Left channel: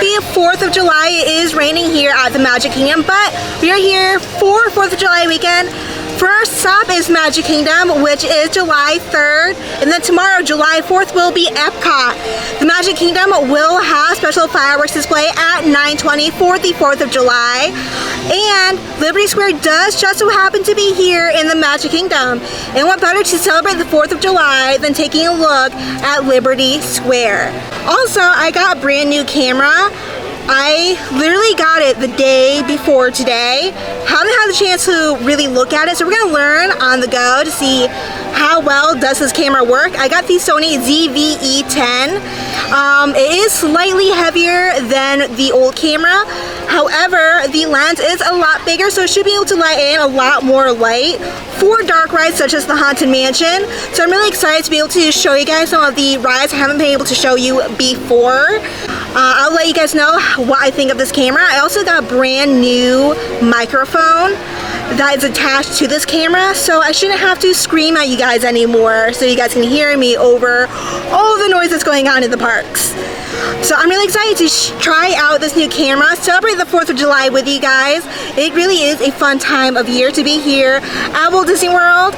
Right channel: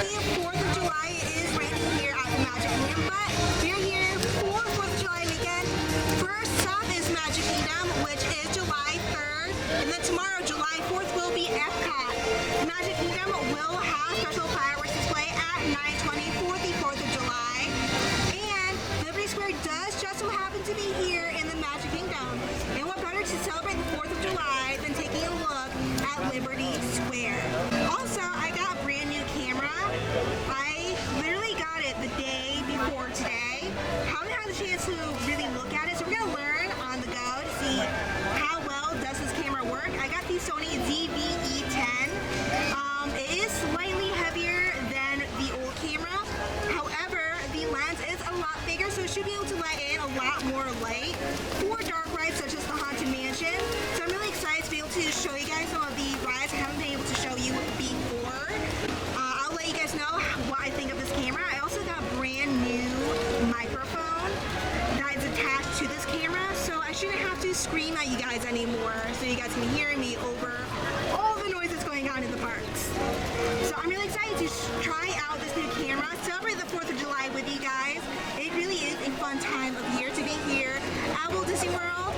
Happy 4th of July. It is raining here at the Magic Kingdom, but we are here for 4th of July weekend. First stop is Magic Kingdom, which is July 3rd, and then tomorrow, July 4th, will be Epcot. The Magic Kingdom will have special fireworks display at 9:20 for the 4th of July, and Liberty Square does just so happen to be here in the Magic Kingdom. And what better to celebrate the 4th of July than taking a look at Liberty Square. Also, I got a brand new camera. I literally got it the day before today. Haven't had the chance to really look at it, so we're gonna learn on the go to see how well does this camera work. I got the Sony ZV-E10. It is slightly heavier than the old camera. However, the lens is a lot bigger, so it should be able to let in a lot more light for dark rides such as the Haunted Mansion. So I'm really excited to be able to show you guys some of the rides I haven't been able to show you before. I'll let you guys know what I think of this camera. I also got a brand new microphone that is attached to this camera, so I shouldn't have to scream at you guys anymore, so you guys can hear me over all the noise that's going on in the parks. So I'm really excited to try out this new camera, celebrate the 4th of July with you guys. It really is a fun time of year to be here at Walt Disney World.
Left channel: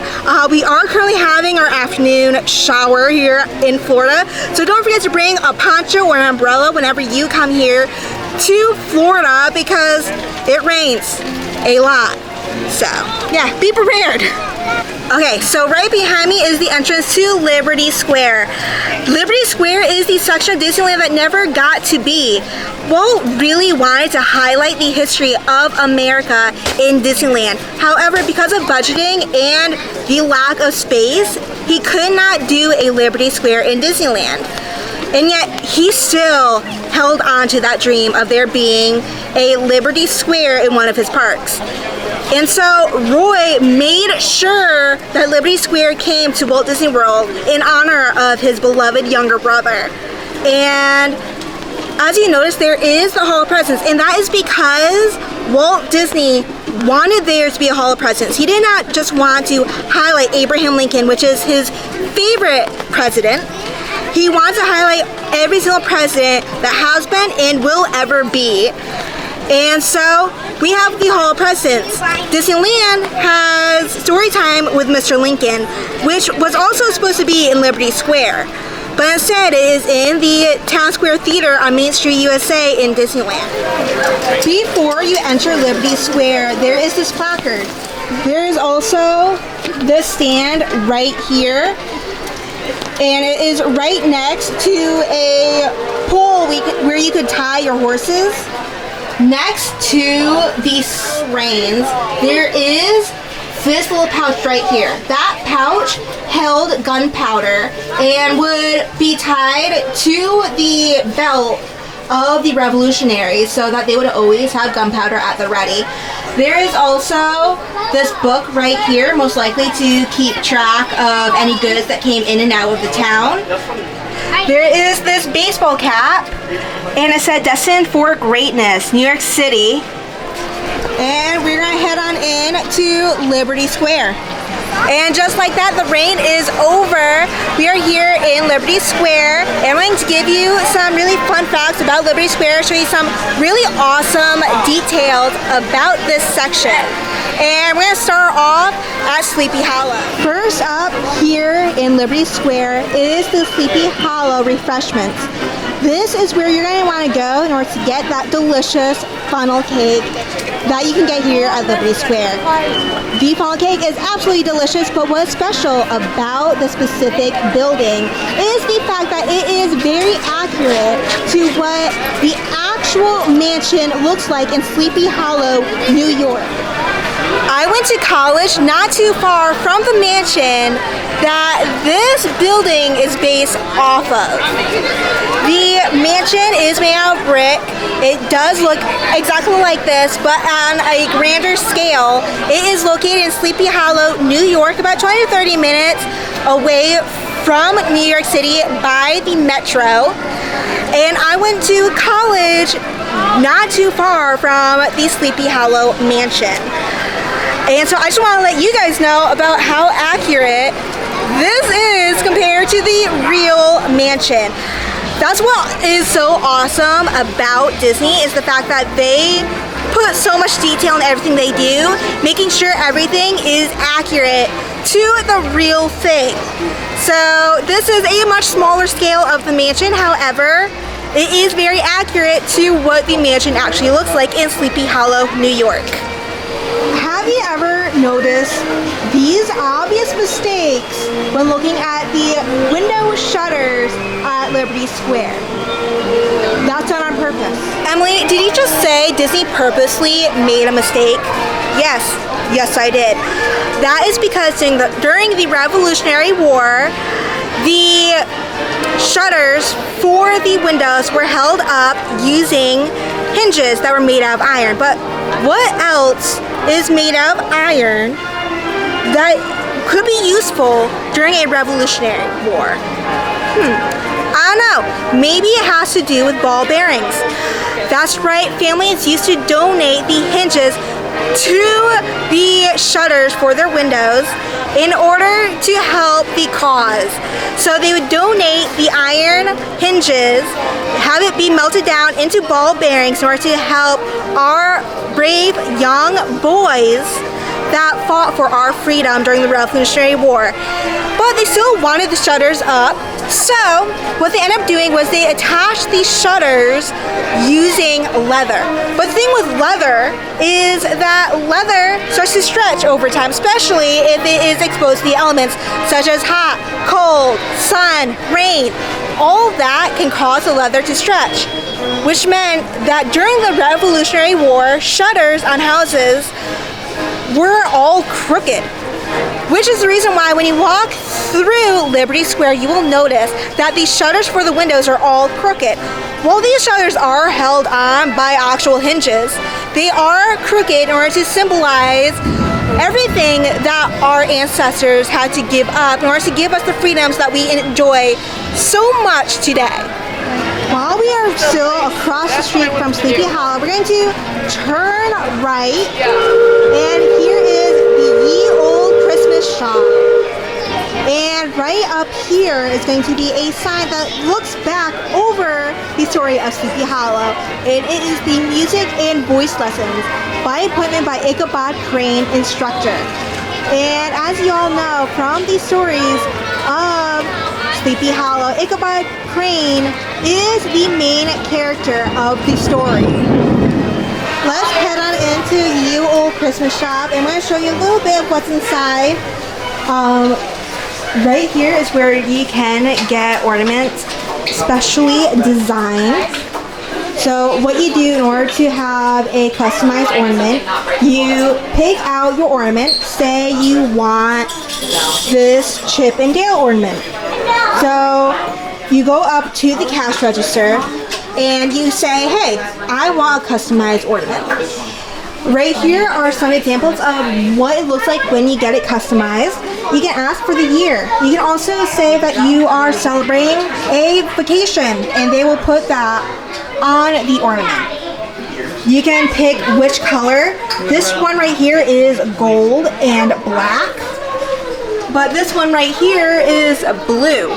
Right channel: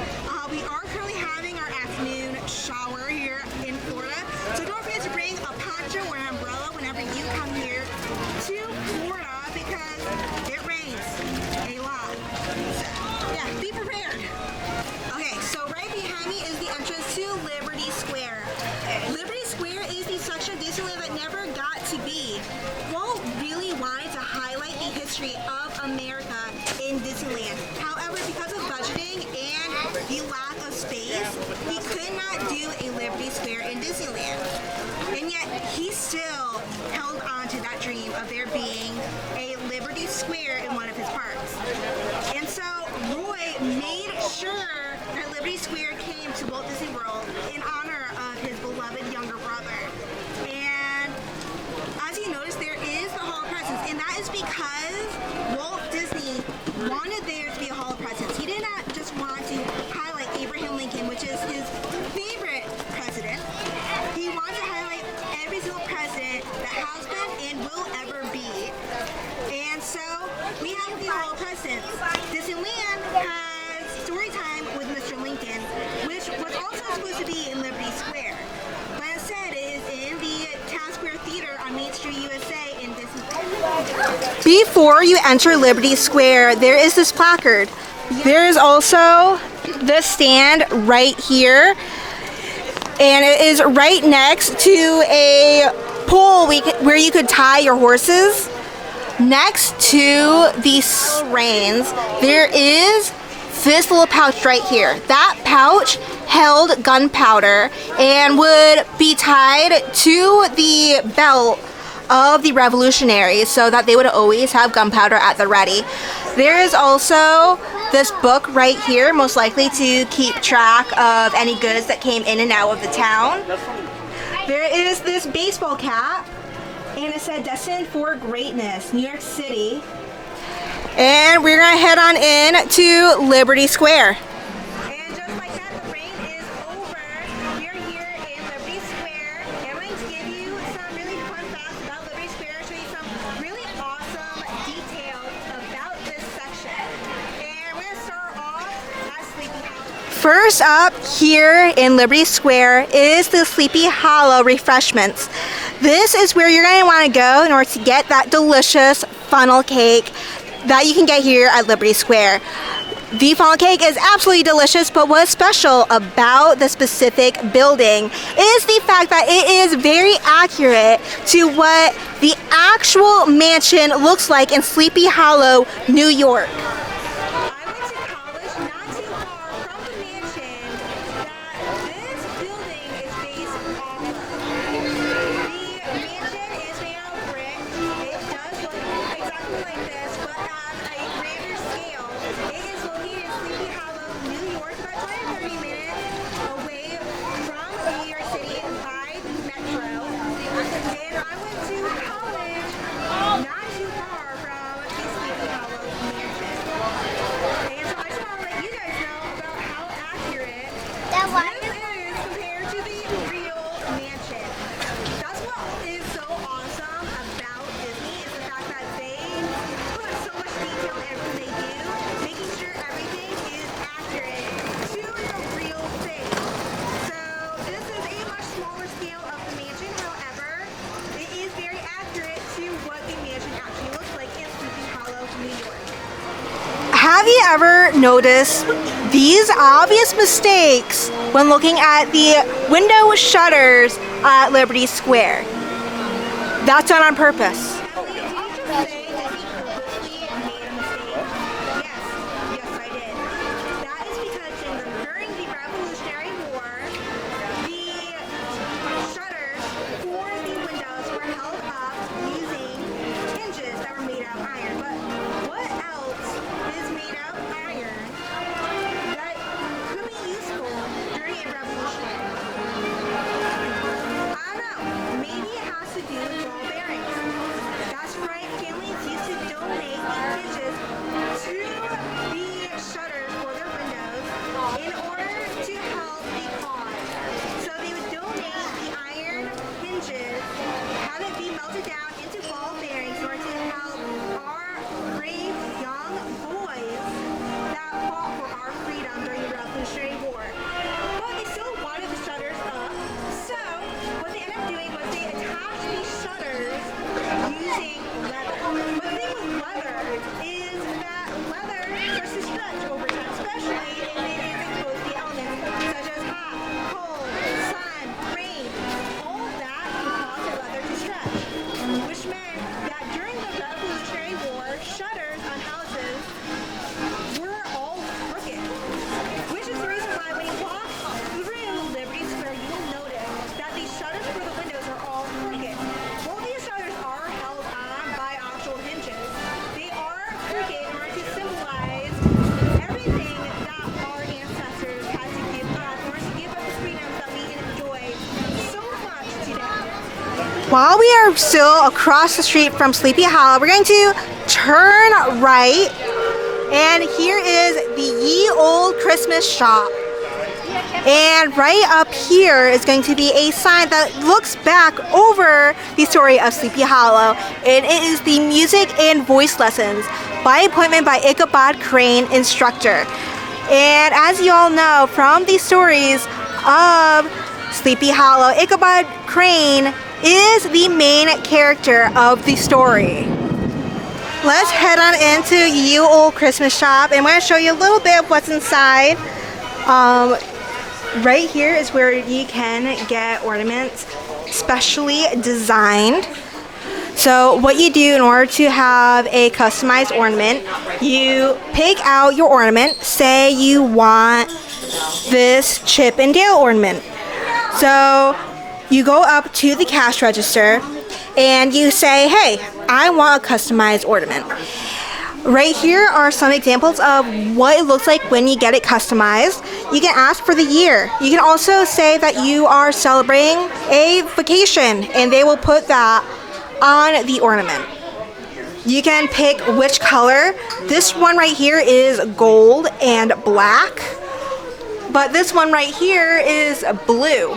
We are currently having our afternoon shower here in Florida, so don't forget to bring a poncho or an umbrella whenever you come here to Florida because it rains a lot. So yeah, be prepared. Okay, so right behind me is the entrance to Liberty Square. Liberty Square is the section of Disneyland that never got to be. Walt really wanted to highlight the history of America in Disneyland. However, because of budgeting and the lack of space, he could not do a Liberty Square in Disneyland. And yet, he still held on to that dream of there being a Liberty Square in one of his parks. And so Roy made sure that Liberty Square came to Walt Disney World in honor of his beloved younger brother. And as you notice, there is the Hall of Presidents, and that is because Walt Disney wanted there to be a Hall of Presidents. He did not just want to highlight Abraham Lincoln, which is his favorite president. He wants to highlight every single president that has been and will ever be. And so we have the Hall of Presidents. Disneyland has story time with Mr. Lincoln, which was also supposed to be in Liberty Square, but instead it is in the Town Square Theater on Main Street, USA in Disneyland. Before you enter Liberty Square, there is this placard. There is also this stand right here, and it is right next to a pole where you could tie your horses. Next to these reins, there is this little pouch right here. That pouch held gunpowder and would be tied to the belt of the revolutionaries so that they would always have gunpowder at the ready. There is also this book right here, most likely to keep track of any goods that came in and out of the town. There is this baseball cap, and it said Destined for Greatness, New York City. And we're gonna head on in to Liberty Square. And just like that, the rain is over. We are here in Liberty Square, and I'm going to give you some really fun facts about Liberty Square, show you some really awesome details about this section. And we're going to start off at Sleepy Hollow. First up here in Liberty Square is the Sleepy Hollow refreshments. This is where you're going to want to go in order to get that delicious funnel cake that you can get here at Liberty Square. The funnel cake is absolutely delicious, but what's special about the specific building is the fact that it is very accurate to what the actual mansion looks like in Sleepy Hollow, New York. I went to college not too far from the mansion that this building is based off of. The mansion is made out of brick. It does look exactly like this, but on a grander scale. It is located in Sleepy Hollow, New York, about 20 to 30 minutes away from New York City by the Metro. And I went to college not too far from the Sleepy Hollow mansion. And so I just want to let you guys know about how accurate this is compared to the real mansion. That's what is so awesome about Disney, is the fact that they put so much detail in everything they do, making sure everything is accurate to the real thing. So this is a much smaller scale of the mansion, however, it is very accurate to what the mansion actually looks like in Sleepy Hollow, New York. Have you ever noticed these obvious mistakes when looking at the window shutters at Liberty Square? That's done on purpose. Emily, did you just say Disney purposely made a mistake? Yes, I did. That is because during the Revolutionary War, the shutters for the windows were held up using hinges that were made out of iron. But what else is made out of iron that could be useful during a Revolutionary War? I don't know. Maybe it has to do with ball bearings. That's right, families used to donate the hinges to the shutters for their windows in order to help the cause. So they would donate the iron hinges, have it be melted down into ball bearings in order to help our brave young boys that fought for our freedom during the Revolutionary War. But they still wanted the shutters up, so what they ended up doing was they attached these shutters using leather. But the thing with leather is that leather starts to stretch over time, especially if it is exposed to the elements such as hot, cold, sun, rain. All that can cause the leather to stretch, which meant that during the Revolutionary War, shutters on houses were all crooked, which is the reason why when you walk through Liberty Square, you will notice that the shutters for the windows are all crooked. While these shutters are held on by actual hinges, they are crooked in order to symbolize everything that our ancestors had to give up in order to give us the freedoms that we enjoy so much today. While we are still across the street from Sleepy Hollow, we're going to turn right, and here is the Ye Olde Christmas Shop. And right up here is going to be a sign that looks back over the story of Sleepy Hollow, and it is the music and voice lessons by appointment by Ichabod Crane, instructor. And as you all know from the stories of Sleepy Hollow, Ichabod Crane is the main character of the story. Let's head on into Ye Olde Christmas Shop, and I'm going to show you a little bit of what's inside. Right here is where you can get ornaments specially designed. So what you do in order to have a customized ornament, you pick out your ornament. Say you want this Chip and Dale ornament. So you go up to the cash register and you say, hey, I want a customized ornament. Right here are some examples of what it looks like when you get it customized. You can ask for the year. You can also say that you are celebrating a vacation, and they will put that on the ornament. You can pick which color. This one right here is gold and black, but this one right here is blue.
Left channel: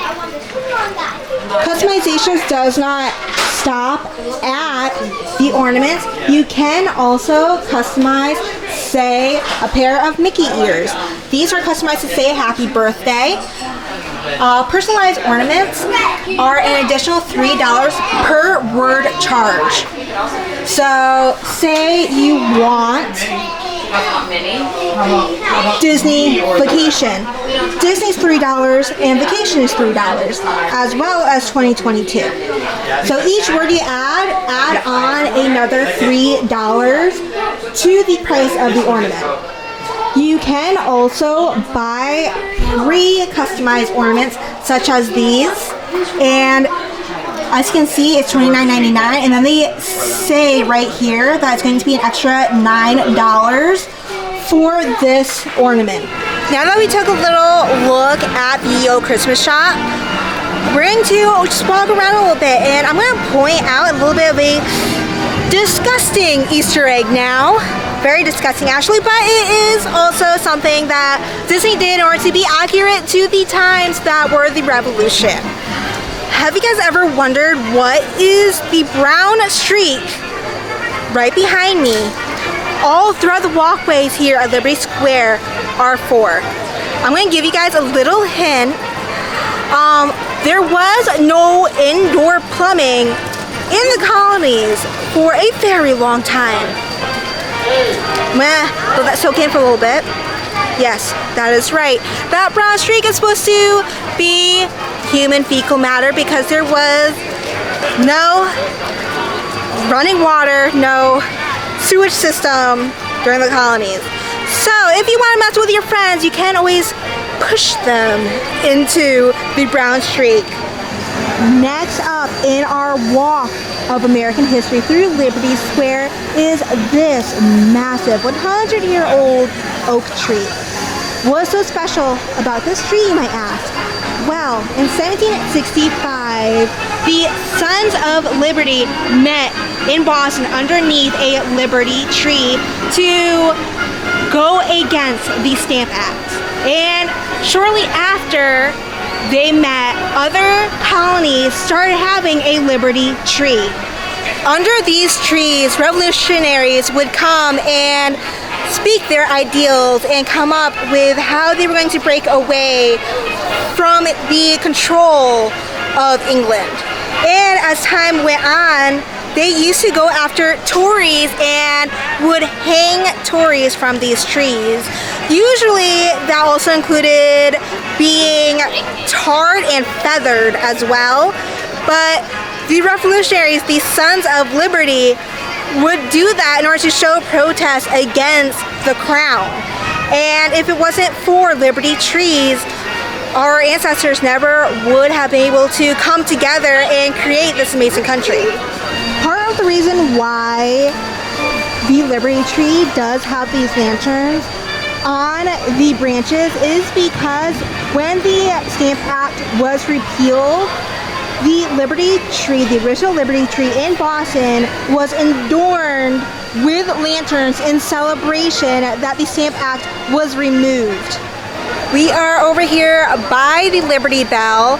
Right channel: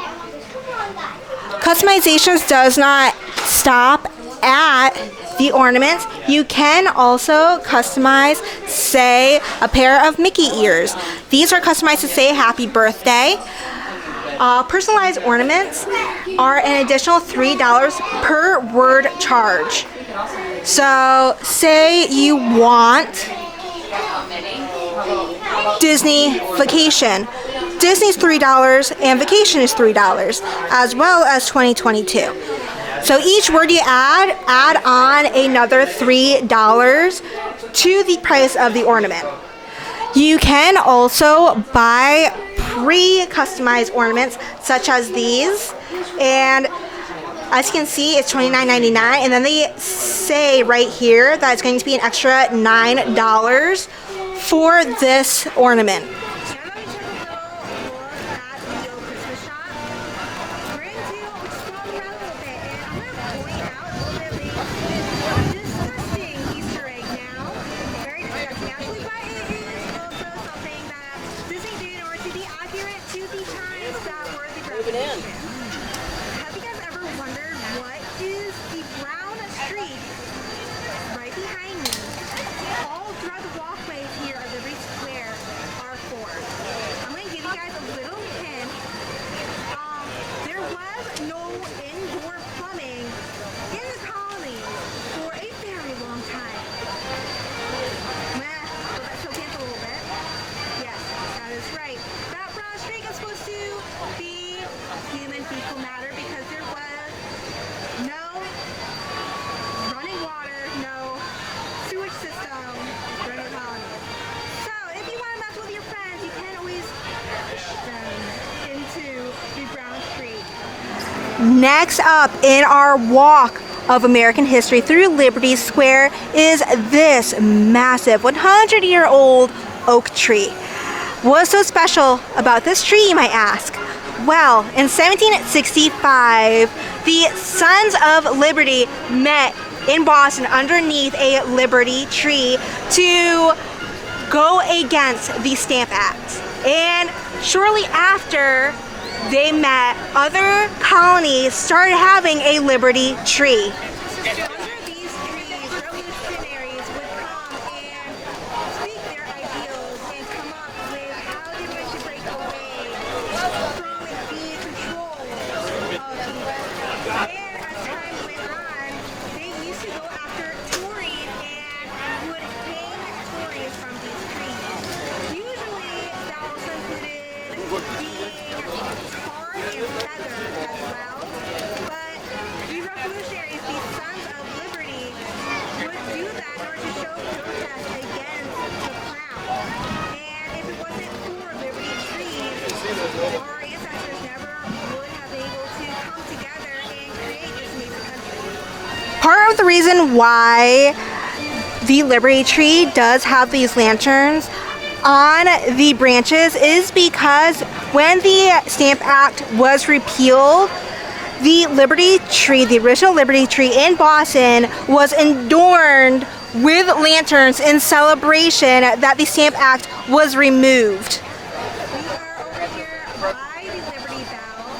Customizations does not stop at the ornaments. You can also customize, say, a pair of Mickey ears. These are customized to say happy birthday. Personalized ornaments are an additional $3 per word charge. So say you want Disney vacation. Disney's $3 and vacation is $3, as well as 2022. So each word you add on another $3 to the price of the ornament. You can also buy pre-customized ornaments such as these, and as you can see, it's $29.99, and then they say right here that it's going to be an extra $9 for this ornament. Now that we took a little look at the Ye Olde Christmas Shop, we're going to just walk around a little bit, and I'm going to point out a little bit of a disgusting Easter egg now. Very disgusting actually, but it is also something that Disney did in order to be accurate to the times that were the Revolution. Have you guys ever wondered what is the brown streak right behind me all throughout the walkways here at Liberty Square are for? I'm going to give you guys a little hint. There was no indoor plumbing in the colonies for a very long time. Let that soak in for a little bit. Yes, that is right. That brown streak is supposed to be human fecal matter because there was no running water, no sewage system during the colonies. So if you want to mess with your friends, you can always push them into the brown streak. Next up in our walk of American history through Liberty Square is this massive 100-year-old oak tree. What's so special about this tree, you might ask? Well, in 1765, the Sons of Liberty met in Boston underneath a Liberty tree to go against the Stamp Act. And shortly after they met, other colonies started having a Liberty tree. Under these trees, revolutionaries would come and speak their ideals and come up with how they were going to break away from the control of England. And as time went on, they used to go after Tories and would hang Tories from these trees. Usually that also included being tarred and feathered as well. But the revolutionaries, the Sons of Liberty, would do that in order to show protest against the crown. And if it wasn't for Liberty trees, our ancestors never would have been able to come together and create this amazing country. Part of the reason why the Liberty tree does have these lanterns on the branches is because when the Stamp Act was repealed, the Liberty tree, the original Liberty tree in Boston, was adorned with lanterns in celebration that the Stamp Act was removed. We are over here by the Liberty Bell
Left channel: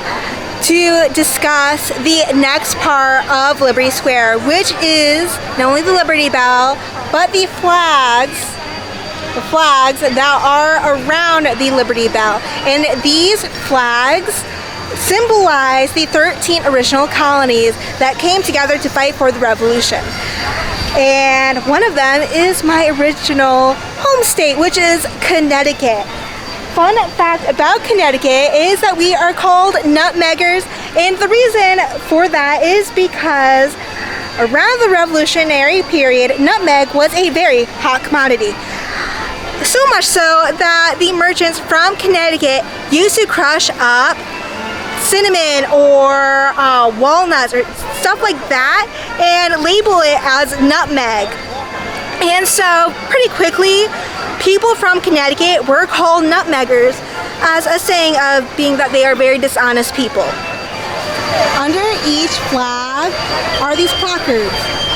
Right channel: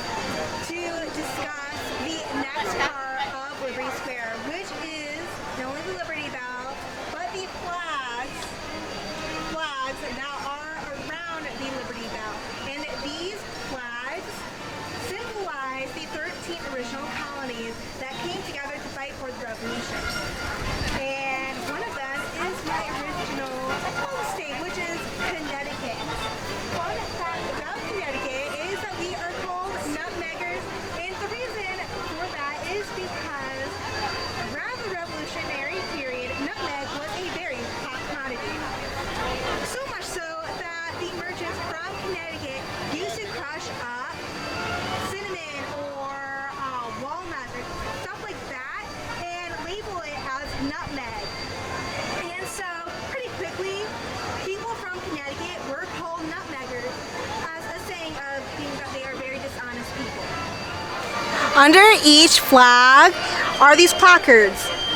to discuss the next part of Liberty Square, which is not only the Liberty Bell, but the flags that are around the Liberty Bell. And these flags symbolize the 13 original colonies that came together to fight for the Revolution. And one of them is my original home state, which is Connecticut. Fun fact about Connecticut is that we are called nutmeggers, and the reason for that is because around the Revolutionary period, nutmeg was a very hot commodity. So much so that the merchants from Connecticut used to crush up cinnamon or walnuts or stuff like that and label it as nutmeg. And so pretty quickly, people from Connecticut were called nutmeggers as a saying of being that they are very dishonest people. Under each flag are these placards.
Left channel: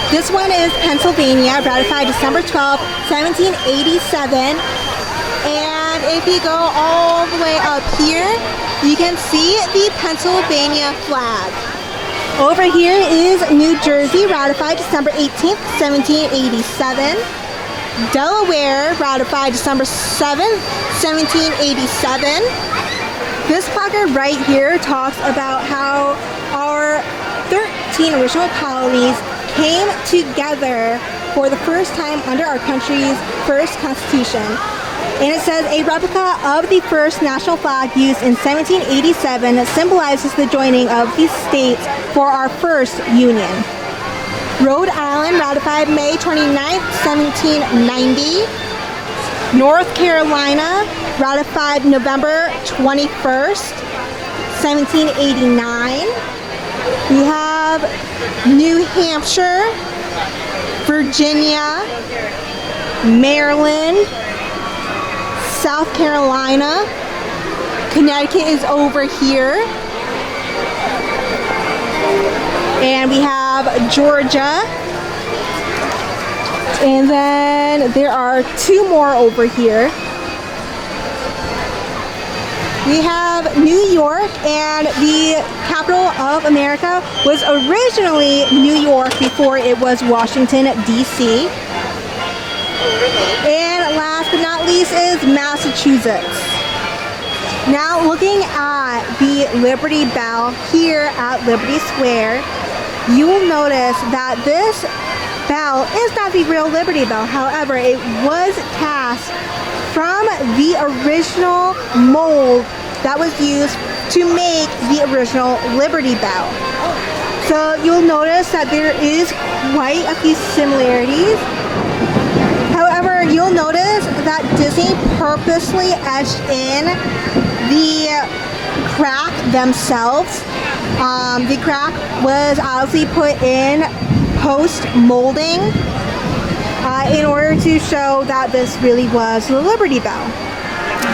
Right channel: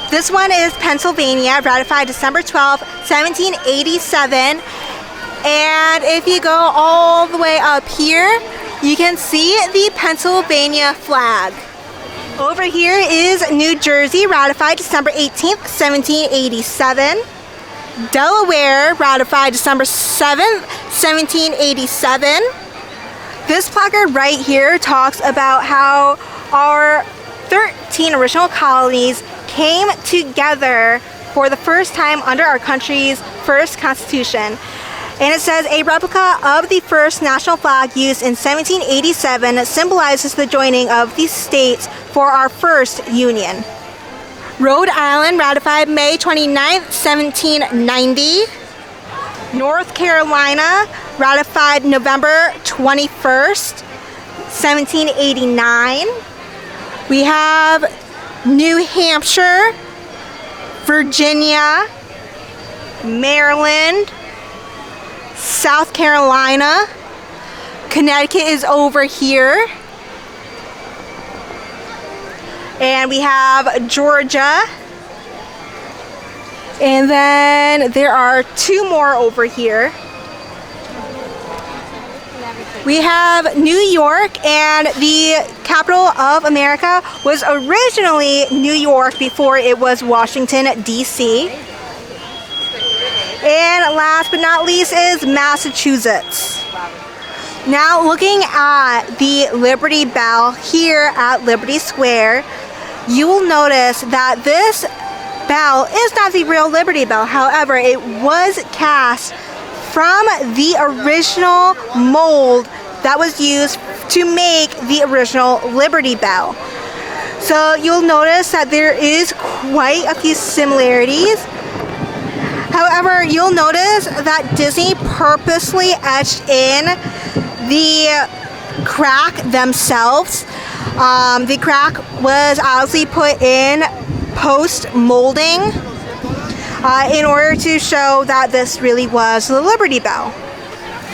This one is Pennsylvania, ratified December 12, 1787. And if you go all the way up here, you can see the Pennsylvania flag. Over here is New Jersey, ratified December 18th, 1787. Delaware, ratified December 7th, 1787. This placard right here talks about how our 13 original colonies came together for the first time under our country's first constitution. And it says a replica of the first national flag used in 1787 symbolizes the joining of these states for our first union. Rhode Island, ratified May 29th, 1790. North Carolina, ratified November 21st, 1789. We have New Hampshire, Virginia, Maryland, South Carolina. Connecticut is over here. And we have Georgia. And then there are two more over here. We have New York, and the capital of America was originally New York before it was Washington, D.C. And last but not least is Massachusetts. Now looking at the Liberty Bell here at Liberty Square, you will notice that this bell is not the real Liberty Bell. However, it was cast from the original mold that was used to make the original Liberty Bell. So you'll notice that there is quite a few similarities. However, you'll notice that Disney purposely etched in the crack themselves. The crack was obviously put in post-molding in order to show that this really was the Liberty Bell.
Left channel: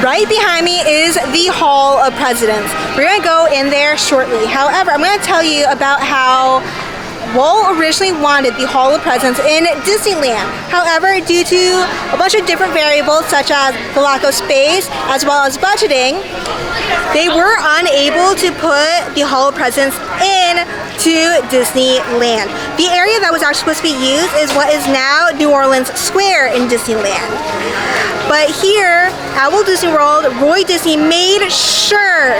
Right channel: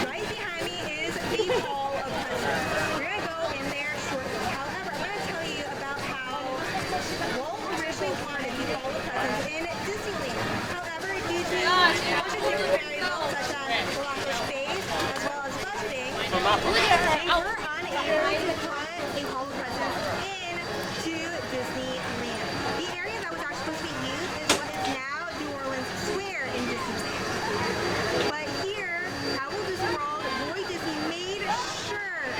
Right behind me is the Hall of Presidents. We're going to go in there shortly. However, I'm going to tell you about how Walt originally wanted the Hall of Presidents in Disneyland. However, due to a bunch of different variables such as the lack of space as well as budgeting, they were unable to put the Hall of Presidents into Disneyland. The area that was actually supposed to be used is what is now New Orleans Square in Disneyland. But here at Walt Disney World, Roy Disney made sure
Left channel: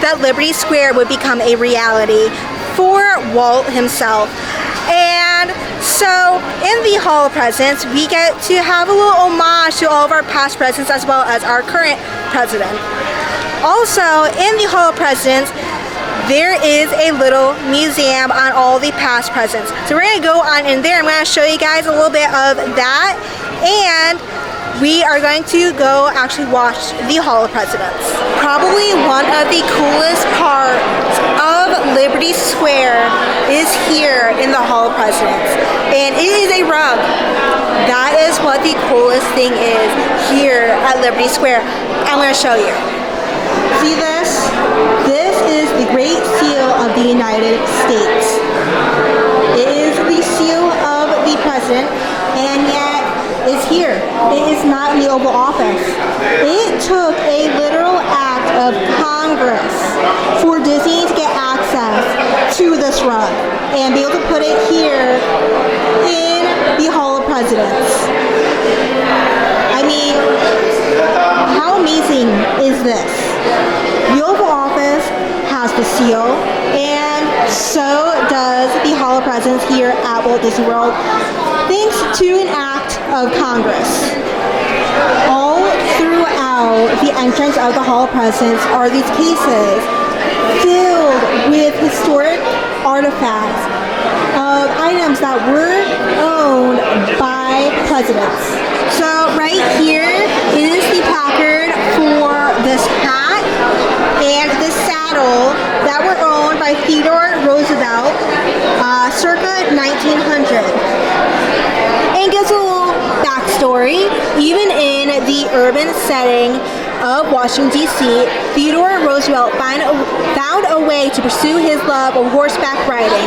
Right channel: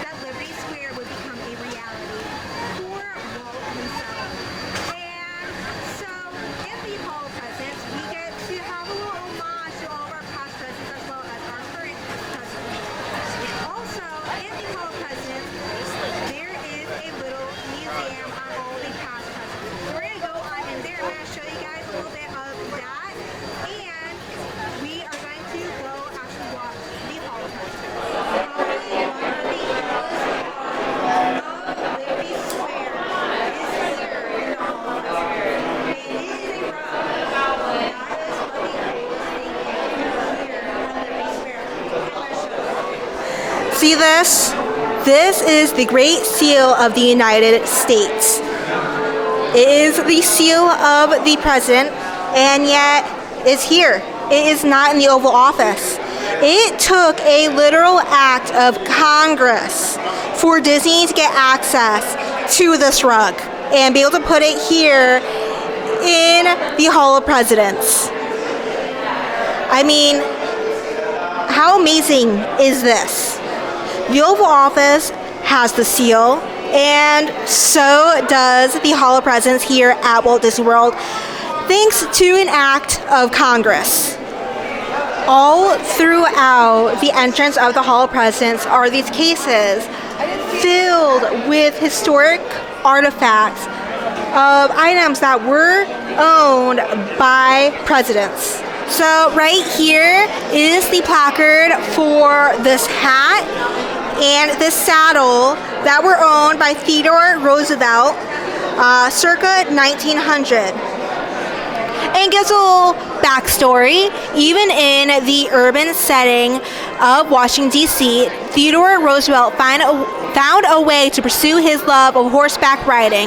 that Liberty Square would become a reality for Walt himself. And so in the Hall of Presidents, we get to have a little homage to all of our past presidents as well as our current president. Also in the Hall of Presidents, there is a little museum on all the past presidents. So we're going to go on in there. I'm going to show you guys a little bit of that, and we are going to go actually watch the Hall of Presidents. Probably one of the coolest parts of Liberty Square is here in the Hall of Presidents, and it is a rug. That is what the coolest thing is here at Liberty Square. I'm going to show you. See this? This is the Great Seal of the United States. It is the seal of the president, and yet it's here. It is not in the Oval Office. It took a literal act of Congress for Disney to get access to this rug and be able to put it here in the Hall of Presidents. I mean, how amazing is this? The Oval Office has the seal, and so does the Hall of Presidents here at Walt Disney World, thanks to an act of Congress. All throughout the entrance of the Hall of Presidents are these cases filled with historic artifacts of items that were owned by presidents. So right here is the placard for this hat and this saddle that were owned by Theodore Roosevelt circa 1900. And gives a little backstory. Even in the urban setting of Washington, D.C., Theodore Roosevelt found a way to pursue his love of horseback riding.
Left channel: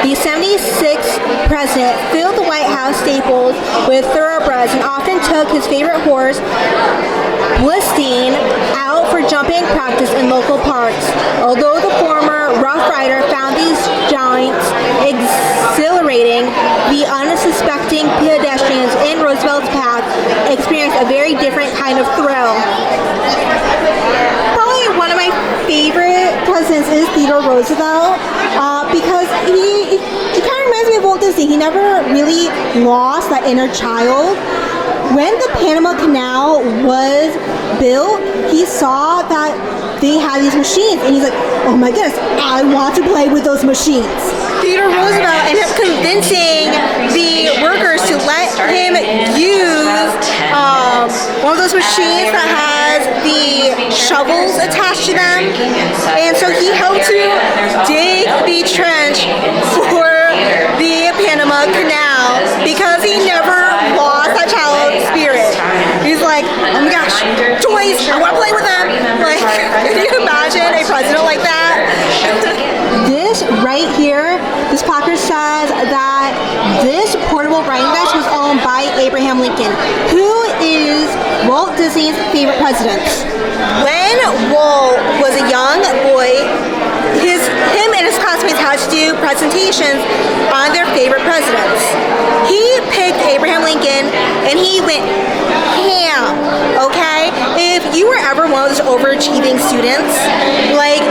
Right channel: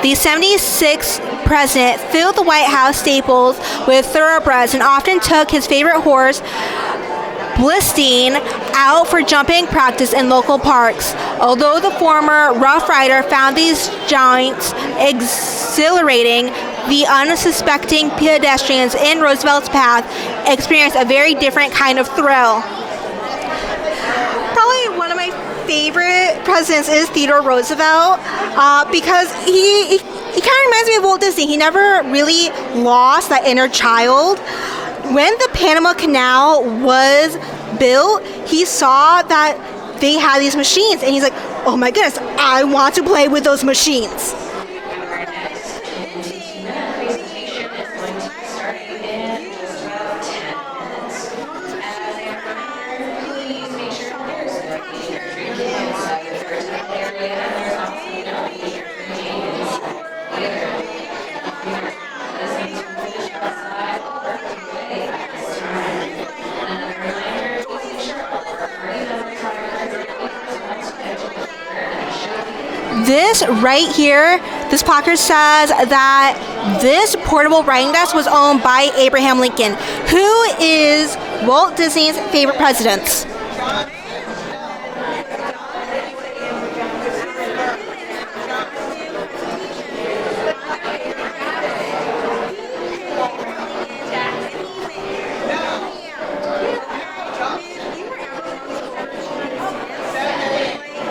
The 76th president filled the White House stables with thoroughbreds and often took his favorite horse, Blistein, out for jumping practice in local parks. Although the former Rough Rider found these jaunts exhilarating, the unsuspecting pedestrians in Roosevelt's path experienced a very different kind of thrill. Probably one of my favorite presidents is Theodore Roosevelt because he kind of reminds me of Walt Disney. He never really lost that inner child. When the Panama Canal was built, he saw that they had these machines, and he's like, oh my goodness, I want to play with those machines. Theodore Roosevelt ended up convincing the workers to let him use one of those machines that has the shovels attached to them, and so he helped to dig the trench for the Panama Canal because he never lost that child spirit. He's like, oh my gosh, toys, I want to play with them. Like, can you imagine a president like that? This right here, this placard says that this portable writing desk was owned by Abraham Lincoln, who is Walt Disney's favorite president. When Walt was a young boy, him and his classmates had to do presentations on their favorite presidents. He picked Abraham Lincoln, and he went ham, okay? If you were ever one of those overachieving students, like,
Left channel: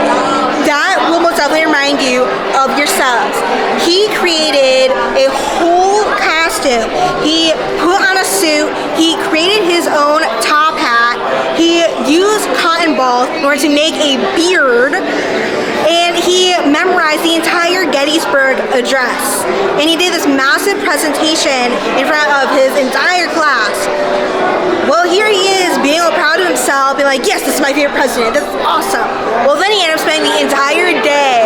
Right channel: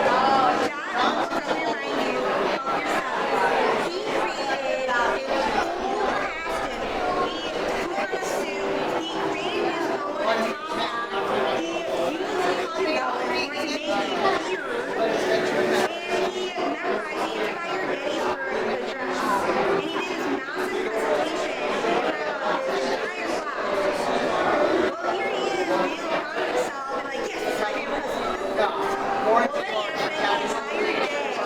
that will most definitely remind you of yourselves. He created a whole costume. He put on a suit. He created his own top hat. He used cotton balls in order to make a beard. And he memorized the entire Gettysburg Address. And he did this massive presentation in front of his entire class. Well, here he is, being all proud of himself, being like, yes, this is my favorite president. This is awesome. Well, then he ended up spending the entire day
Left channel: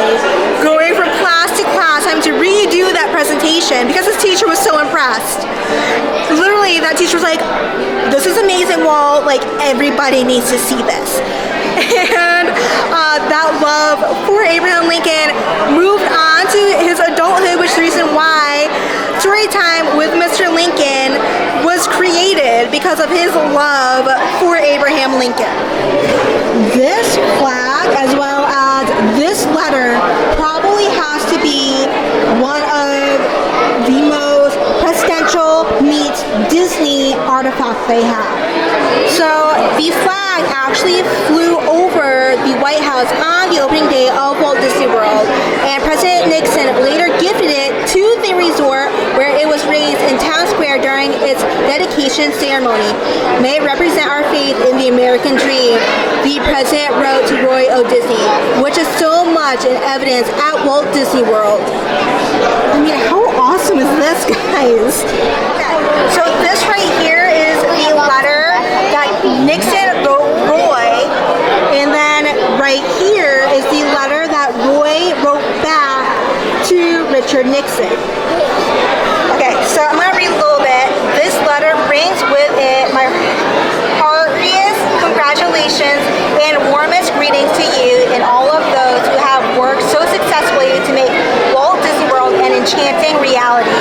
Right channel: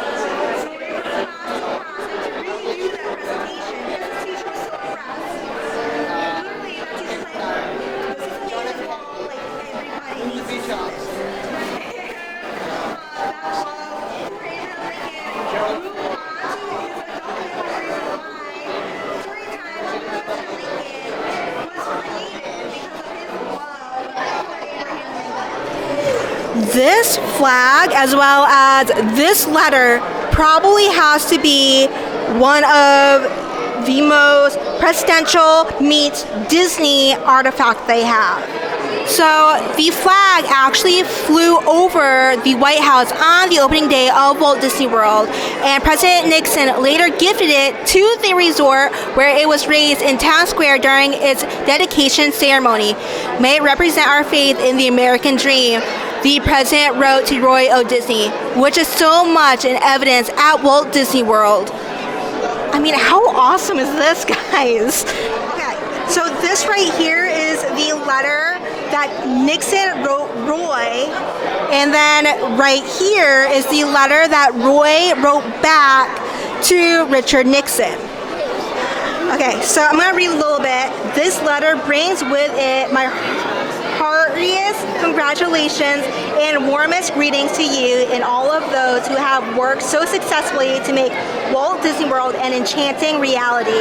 going from class to class, having to redo that presentation because his teacher was so impressed. Literally, that teacher was like, this is amazing, Walt. Like, everybody needs to see this. And that love for Abraham Lincoln moved on to his adulthood, which is the reason why Storytime with Mr. Lincoln was created, because of his love for Abraham Lincoln. This flag, as well as this letter, probably has to be one of the most presidential meets Disney artifact they have. So the flag actually flew over the White House on the opening day of Walt Disney World, and President Nixon later gifted it to the resort where it was raised in Town Square during its dedication ceremony. May it represent our faith in the American dream, the president wrote to Roy O. Disney, which is so much in evidence at Walt Disney World. I mean, how awesome is this, guys? Okay, so this right here is a letter that Nixon wrote Roy, and then right here is the letter that Roy wrote back to Richard Nixon. Okay, so I'm going to read a little bit. This letter brings with it my heartiest congratulations and warmest greetings to you and all of those who have worked so successfully to make Walt Disney World an enchanting reality.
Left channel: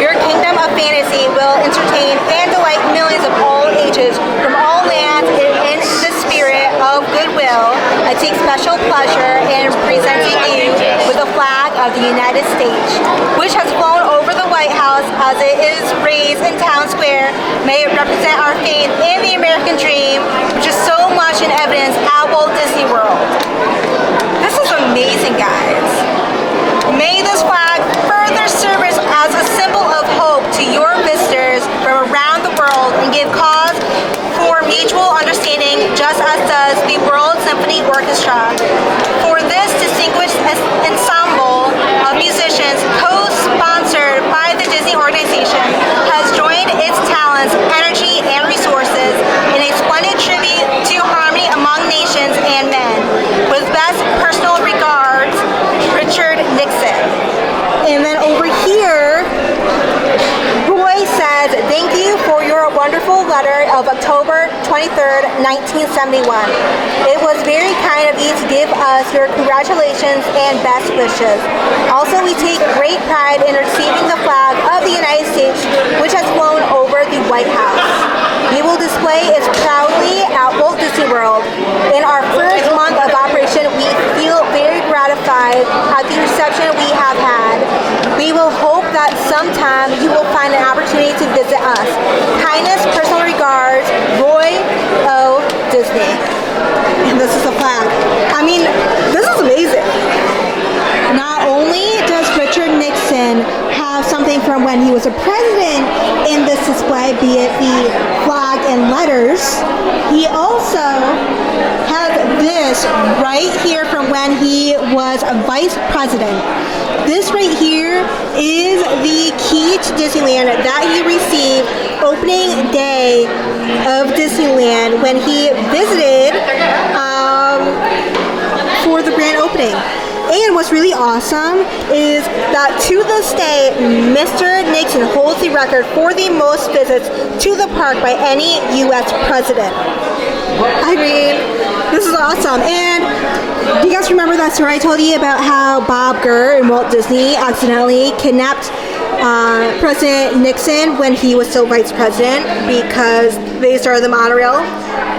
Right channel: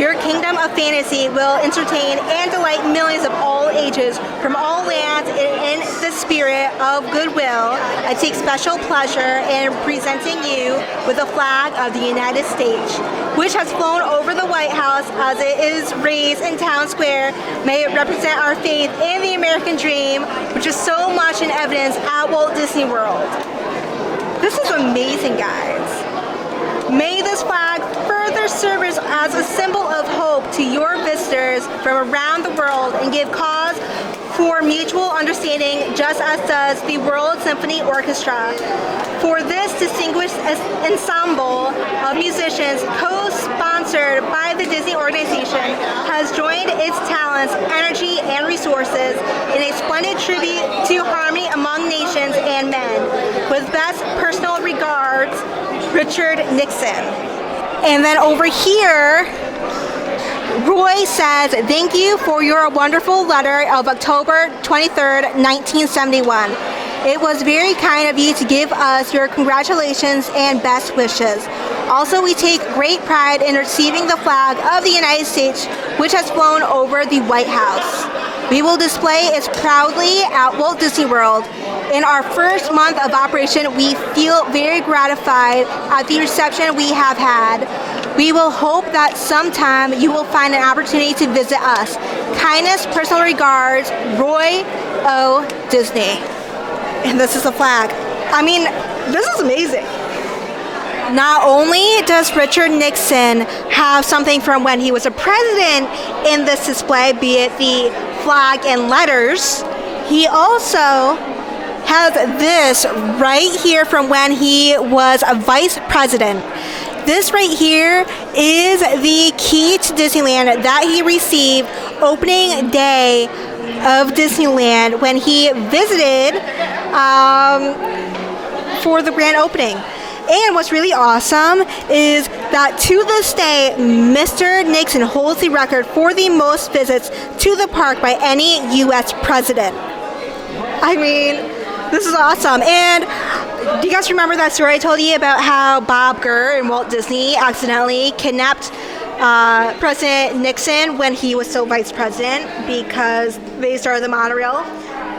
Your kingdom of fantasy will entertain and delight millions of all ages from all lands in the spirit of goodwill. I take special pleasure in presenting you with the flag of the United States, which has flown over the White House as it is raised in Town Square. May it represent our faith in the American dream, which is so much in evidence at Walt Disney World. This is amazing, guys. May this flag further serve as a symbol of hope to your visitors from around the world and give cause for mutual understanding, just as does the World Symphony Orchestra. For this distinguished ensemble of musicians, co-sponsored by the Disney organization, has joined its talents, energy, and resources in a splendid tribute to harmony among nations and men. With best personal regards, Richard Nixon. And then over here, Roy says, thank you for your wonderful letter of October 23rd, 1971. It was very kind of you to give us your congratulations and best wishes. Also, we take great pride in receiving the flag of the United States, which has flown over the White House. We will display it proudly at Walt Disney World. In our first month of operation, we feel very gratified at the reception we have had. We will hope that sometime you will find an opportunity to visit us. Kindness, personal regards, Roy O. Disney. And this is the flag. I mean, this is amazing. Not only does Richard Nixon have something from when he was a president in this display, be it the flag and letters, he also has this right here from when he was a vice president. This right here is the key to Disneyland that he received opening day of Disneyland when he visited for the grand opening. And what's really awesome is that to this day, Mr. Nixon holds the record for the most visits to the park by any U.S. president. I mean, this is awesome. And do you guys remember that story I told you about how Bob Gurr and Walt Disney accidentally kidnapped President Nixon when he was still vice president because they started the monorail?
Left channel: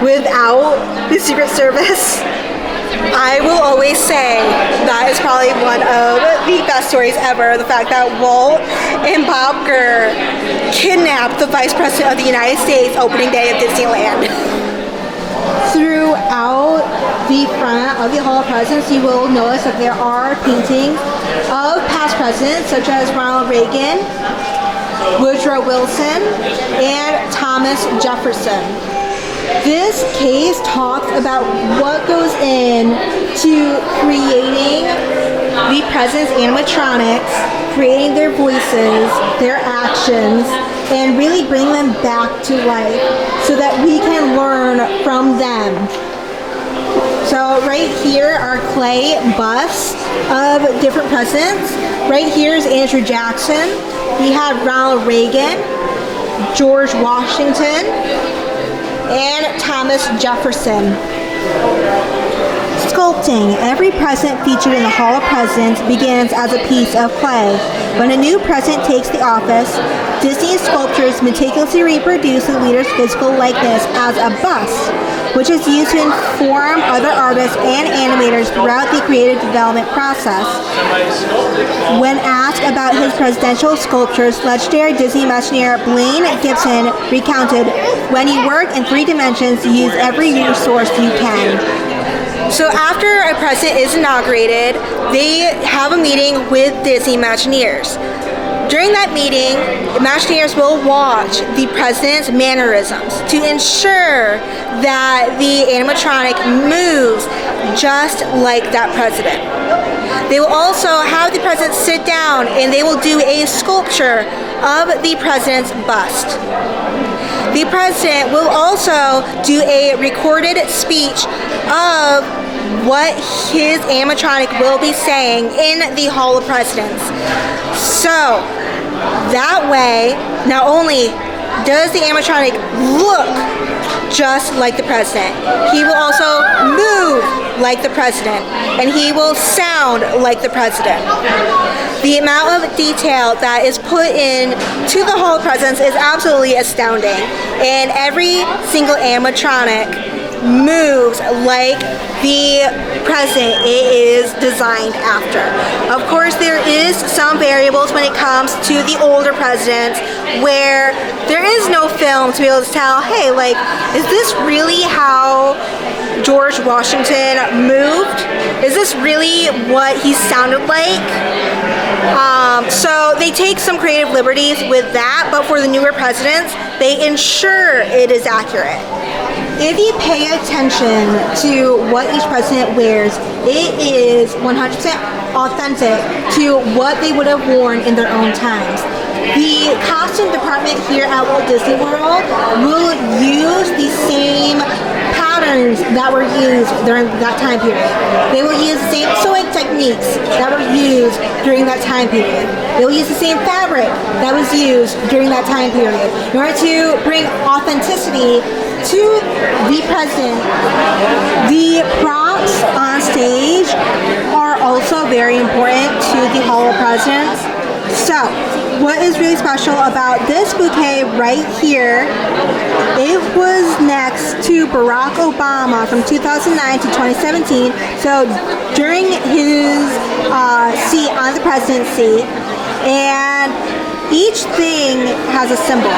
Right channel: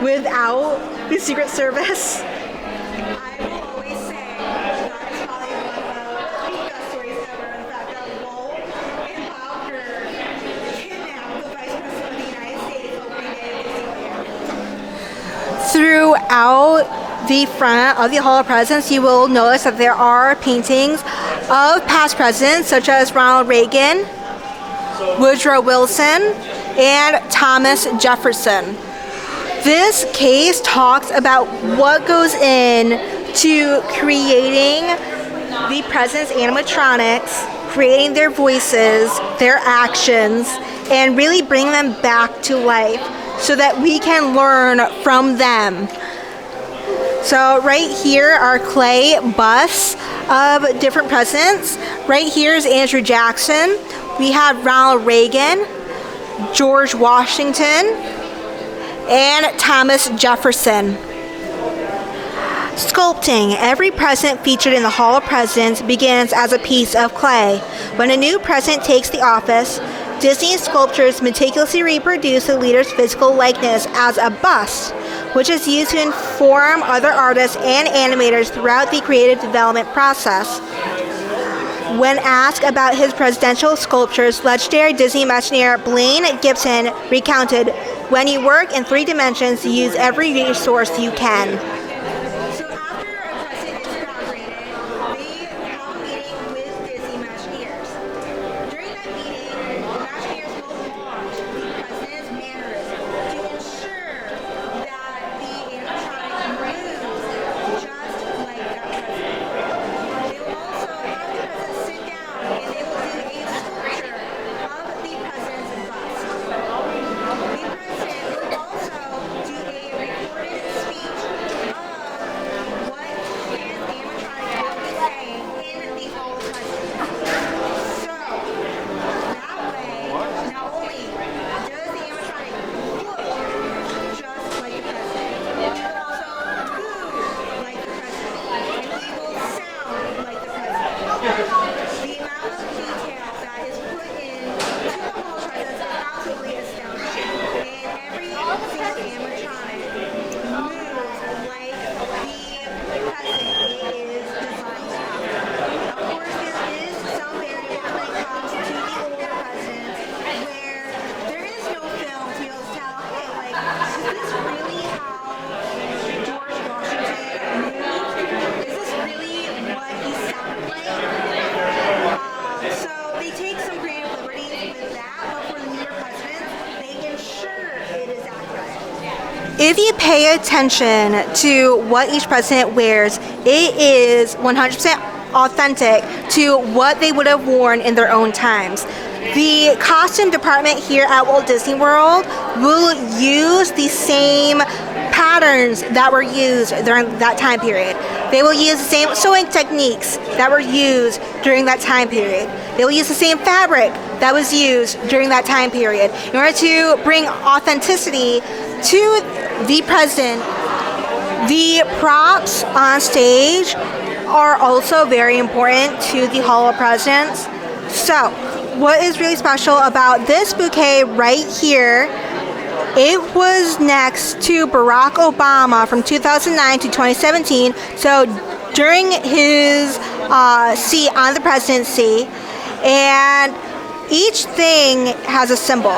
without the Secret Service. I will always say that is probably one of the best stories ever. The fact that Walt and Bob Gurr kidnapped the Vice President of the United States opening day of Disneyland. Throughout the front of the Hall of Presidents, you will notice that there are paintings of past presidents such as Ronald Reagan, Woodrow Wilson, and Thomas Jefferson. This case talks about what goes into creating the president's animatronics, creating their voices, their actions, and really bring them back to life so that we can learn from them. So right here are clay busts of different presidents. Right here is Andrew Jackson. We have Ronald Reagan, George Washington, and Thomas Jefferson. Sculpting. Every president featured in the Hall of Presidents begins as a piece of clay. When a new president takes the office, Disney sculptors meticulously reproduce the leader's physical likeness as a bust, which is used to inform other artists and animators throughout the creative development process. When asked about his presidential sculptures, legendary Disney Imagineer Blaine Gibson recounted, "When you work in 3 dimensions, you use every resource you can." So after a president is inaugurated, they have a meeting with Disney Imagineers. During that meeting, Imagineers will watch the president's mannerisms to ensure that the animatronic moves just like that president. They will also have the president sit down and they will do a sculpture of the president's bust. The president will also do a recorded speech of what his animatronic will be saying in the Hall of Presidents. So that way, not only does the animatronic look just like the president, he will also move like the president, and he will sound like the president. The amount of detail that is put in to the Hall of Presidents is absolutely astounding, and every single animatronic moves like the president it is designed after. Of course, there is some variables when it comes to the older presidents where there is no film to be able to tell, hey, like, is this really how George Washington moved? Is this really what he sounded like? So they take some creative liberties with that, but for the newer presidents, they ensure it is accurate. If you pay attention to what each president wears, it is 100% authentic to what they would have worn in their own times. The costume department here at Walt Disney World will use the same patterns that were used during that time period. They will use the same sewing techniques that were used during that time period. They will use the same fabric that was used during that time period in order to bring authenticity to the president. The props on stage are also very important to the Hall of Presidents. So, what is really special about this bouquet right here, it was next to Barack Obama from 2009 to 2017. So, during his seat on the presidency, and each thing has a symbol.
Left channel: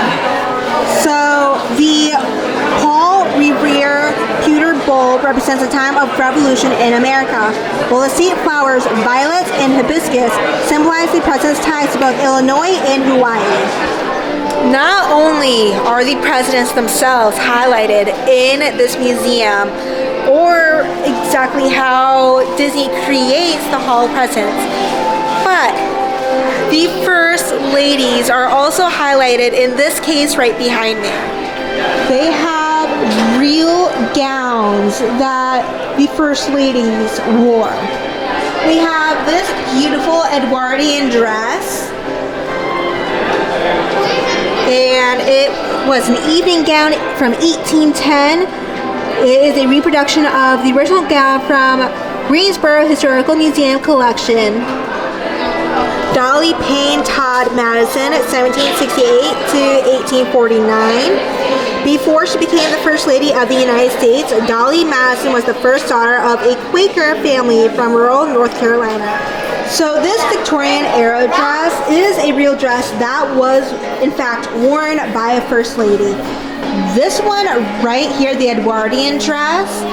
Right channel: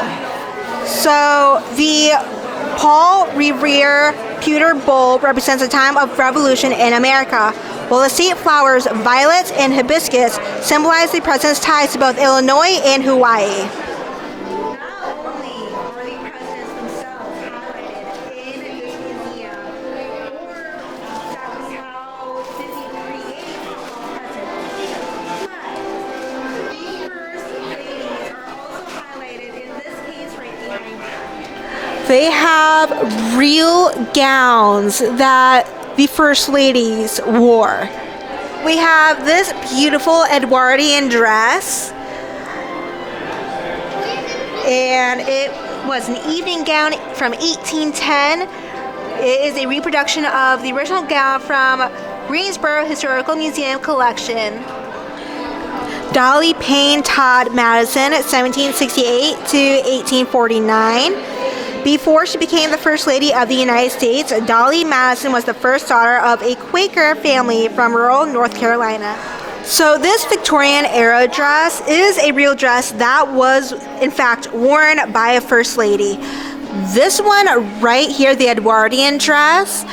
So, the Paul Revere pewter bowl represents a time of revolution in America, while the seat flowers, violets, and hibiscus symbolize the president's ties to both Illinois and Hawaii. Not only are the presidents themselves highlighted in this museum, or exactly how Disney creates the Hall of Presidents, but the first ladies are also highlighted in this case right behind me. They have real gowns that the first ladies wore. We have this beautiful Edwardian dress, and it was an evening gown from 1810. It is a reproduction of the original gown from Greensboro Historical Museum collection. Dolly Payne Todd Madison, 1768 to 1849. Before she became the First Lady of the United States, Dolly Madison was the first daughter of a Quaker family from rural North Carolina. So this Victorian era dress is a real dress that was, in fact, worn by a First Lady. This one right here, the Edwardian dress,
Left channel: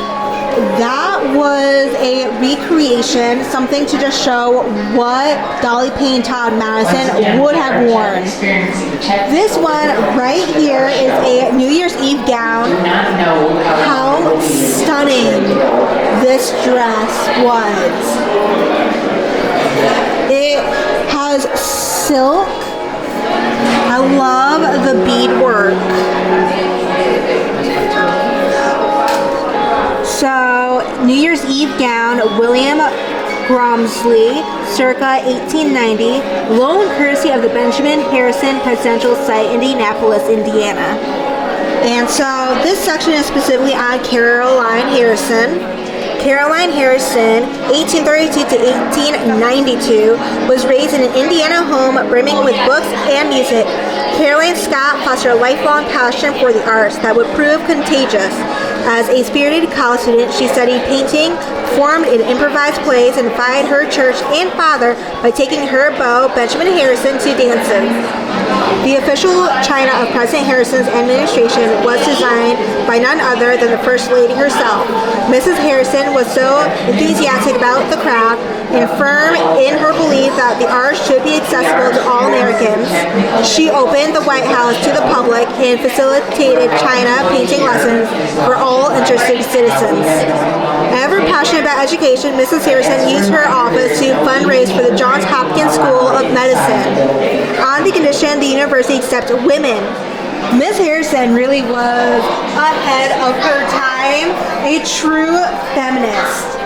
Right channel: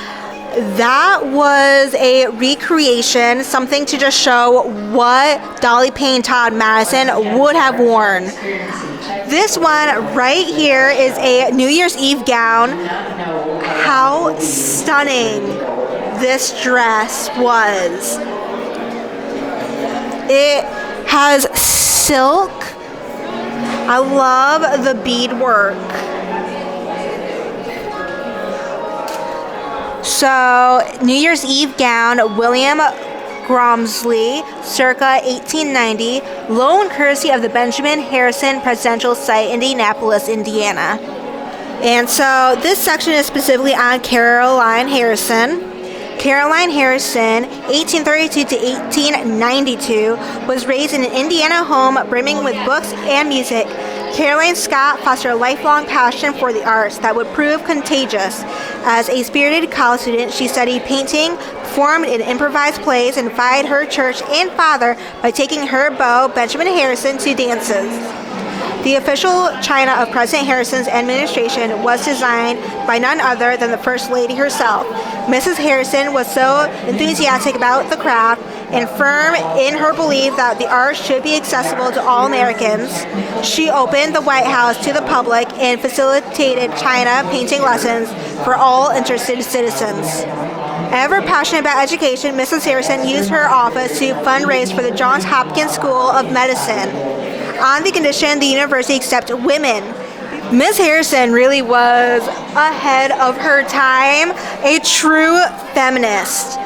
that was a recreation, something to just show what Dolly Payne Todd Madison would have worn. This one right here is a New Year's Eve gown. How stunning this dress was. It has silk. I love the beadwork. So, New Year's Eve gown, William Gromsley, circa 1890, loan courtesy of the Benjamin Harrison Presidential Site, Indianapolis, Indiana. And so, this section is specifically on Caroline Harrison. Caroline Harrison, 1832 to 1892, was raised in an Indiana home brimming with books and music. Caroline Scott fostered a lifelong passion for the arts that would prove contagious. As a spirited college student, she studied painting, performed in improvised plays, and defied her church and father by taking her beau, Benjamin Harrison, to dances. The official china of President Harrison's administration was designed by none other than the First Lady herself. Mrs. Harrison was so enthusiastic about the craft and firm in her belief that the art should be accessible to all Americans. She opened the White House to the public and facilitated china painting lessons for all interested citizens. Ever passionate about education, Mrs. Harrison used her office to fundraise for the Johns Hopkins School of Medicine, on the condition the university accept women. Ms. Harrison really was ahead of her time, a true feminist.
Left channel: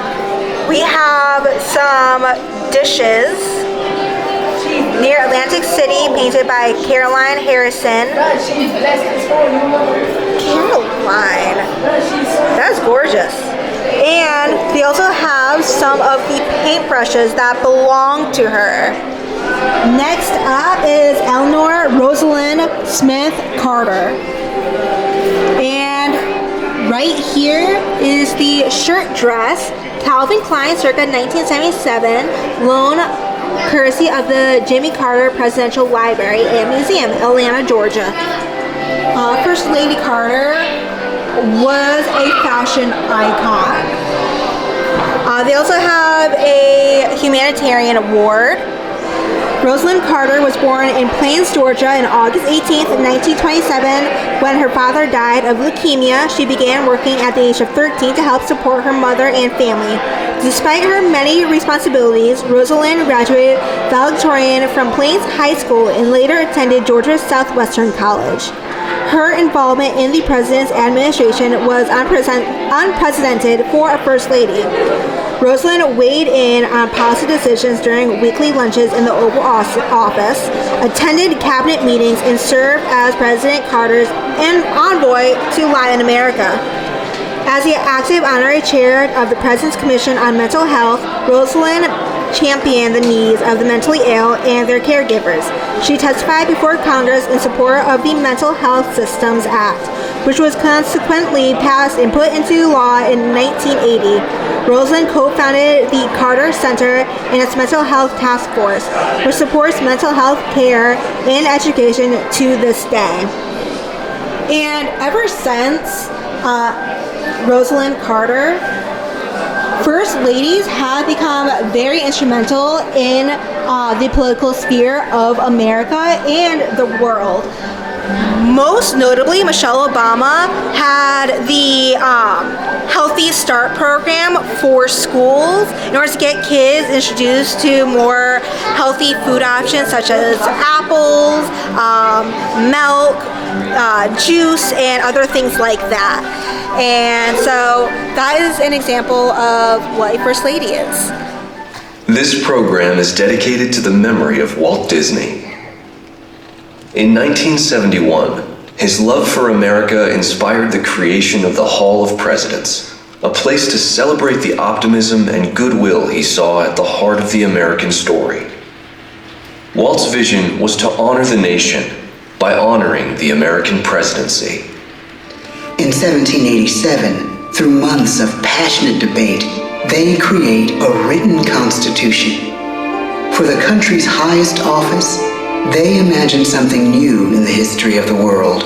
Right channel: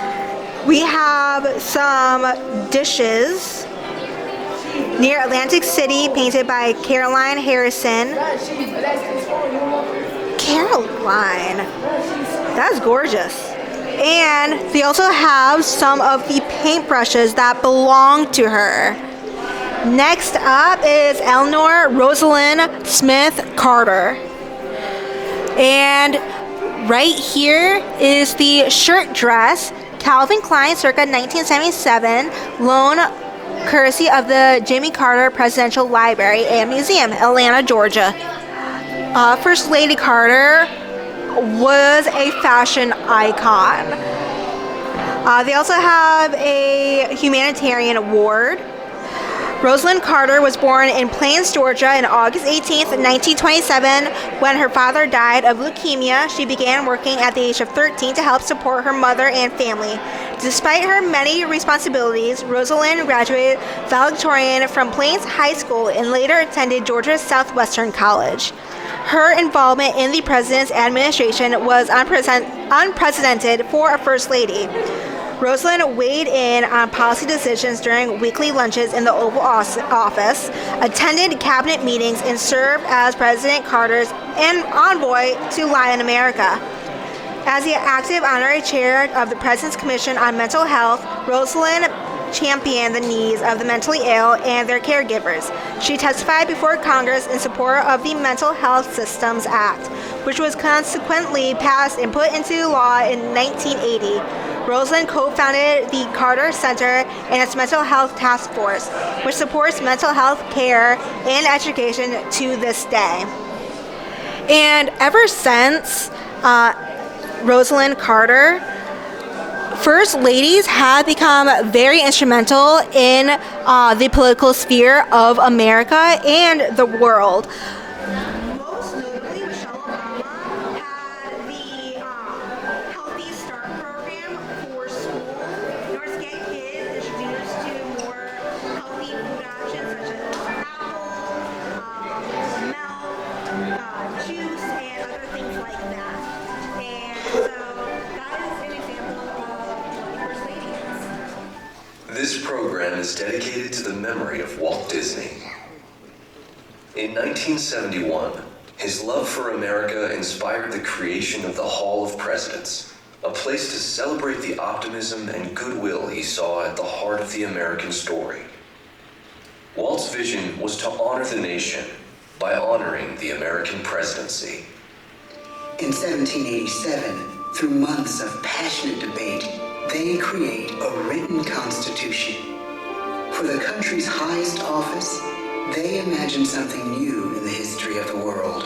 We have some dishes near Atlantic City painted by Caroline Harrison. Caroline, that's gorgeous. And they also have some of the paintbrushes that belong to her. Next up is Eleanor Rosalind Smith Carter. And right here is the shirt dress, Calvin Klein circa 1977, loan courtesy of the Jimmy Carter Presidential Library and Museum, Atlanta, Georgia. First Lady Carter was a fashion icon. They also have a humanitarian award. Rosalind Carter was born in Plains, Georgia on August 18, 1927. When her father died of leukemia, she began working at the age of 13 to help support her mother and family. Despite her many responsibilities, Rosalind graduated valedictorian from Plains High School and later attended Georgia Southwestern College. Her involvement in the president's administration was unprecedented for a First Lady. Rosalind weighed in on policy decisions during weekly lunches in the Oval Office, attended cabinet meetings, and served as President Carter's envoy to Latin America. As the active honorary chair of the President's Commission on Mental Health, Rosalind championed the needs of the mentally ill and their caregivers. She testified before Congress in support of the Mental Health Systems Act, which was consequently passed and put into law in 1980. Rosalind co-founded the Carter Center and its Mental Health Task Force, which supports mental health care and education to this day. And ever since Rosalind Carter, First Ladies have become very instrumental in the political sphere of America and the world. Most notably, Michelle Obama had the Healthy Start program for schools in order to get kids introduced to more healthy food options such as apples, milk, juice, and other things like that. And so that is an example of what a First Lady is. This program is dedicated to the memory of Walt Disney. In 1971, his love for America inspired the creation of the Hall of Presidents, a place to celebrate the optimism and goodwill he saw at the heart of the American story. Walt's vision was to honor the nation by honoring the American presidency. In 1787, through months of passionate debate, they create a written constitution. For the country's highest office, they imagine something new in the history of the world.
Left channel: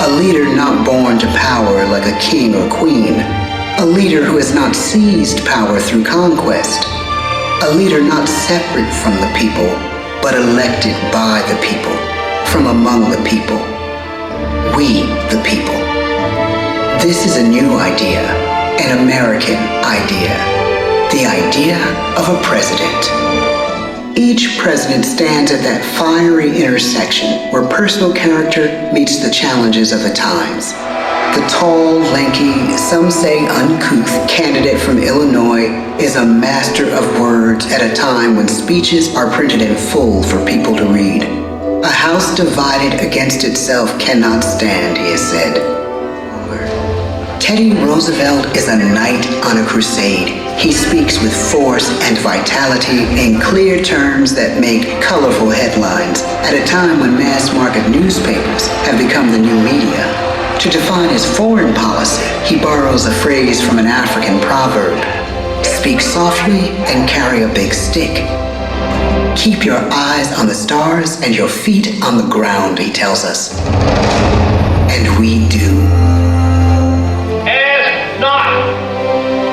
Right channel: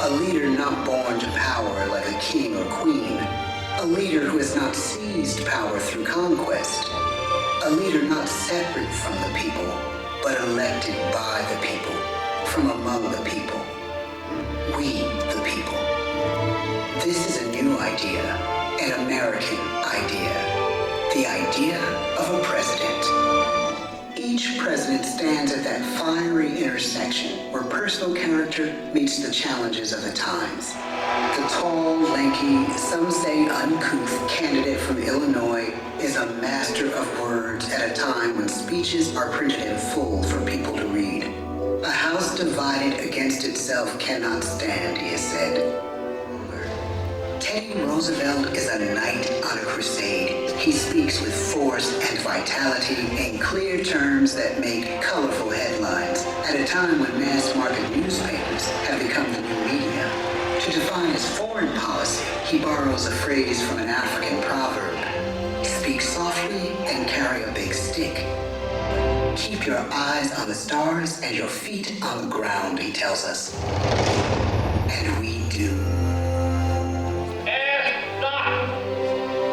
A leader not born to power like a king or queen. A leader who has not seized power through conquest. A leader not separate from the people, but elected by the people, from among the people. We, the people. This is a new idea, an American idea. The idea of a president. Each president stands at that fiery intersection where personal character meets the challenges of the times. The tall, lanky, some say uncouth candidate from Illinois is a master of words at a time when speeches are printed in full for people to read. A house divided against itself cannot stand, he has said. Teddy Roosevelt is a knight on a crusade. He speaks with force and vitality in clear terms that make colorful headlines at a time when mass-market newspapers have become the new media. To define his foreign policy, he borrows a phrase from an African proverb. Speak softly and carry a big stick. Keep your eyes on the stars and your feet on the ground, he tells us. And we do. Ask not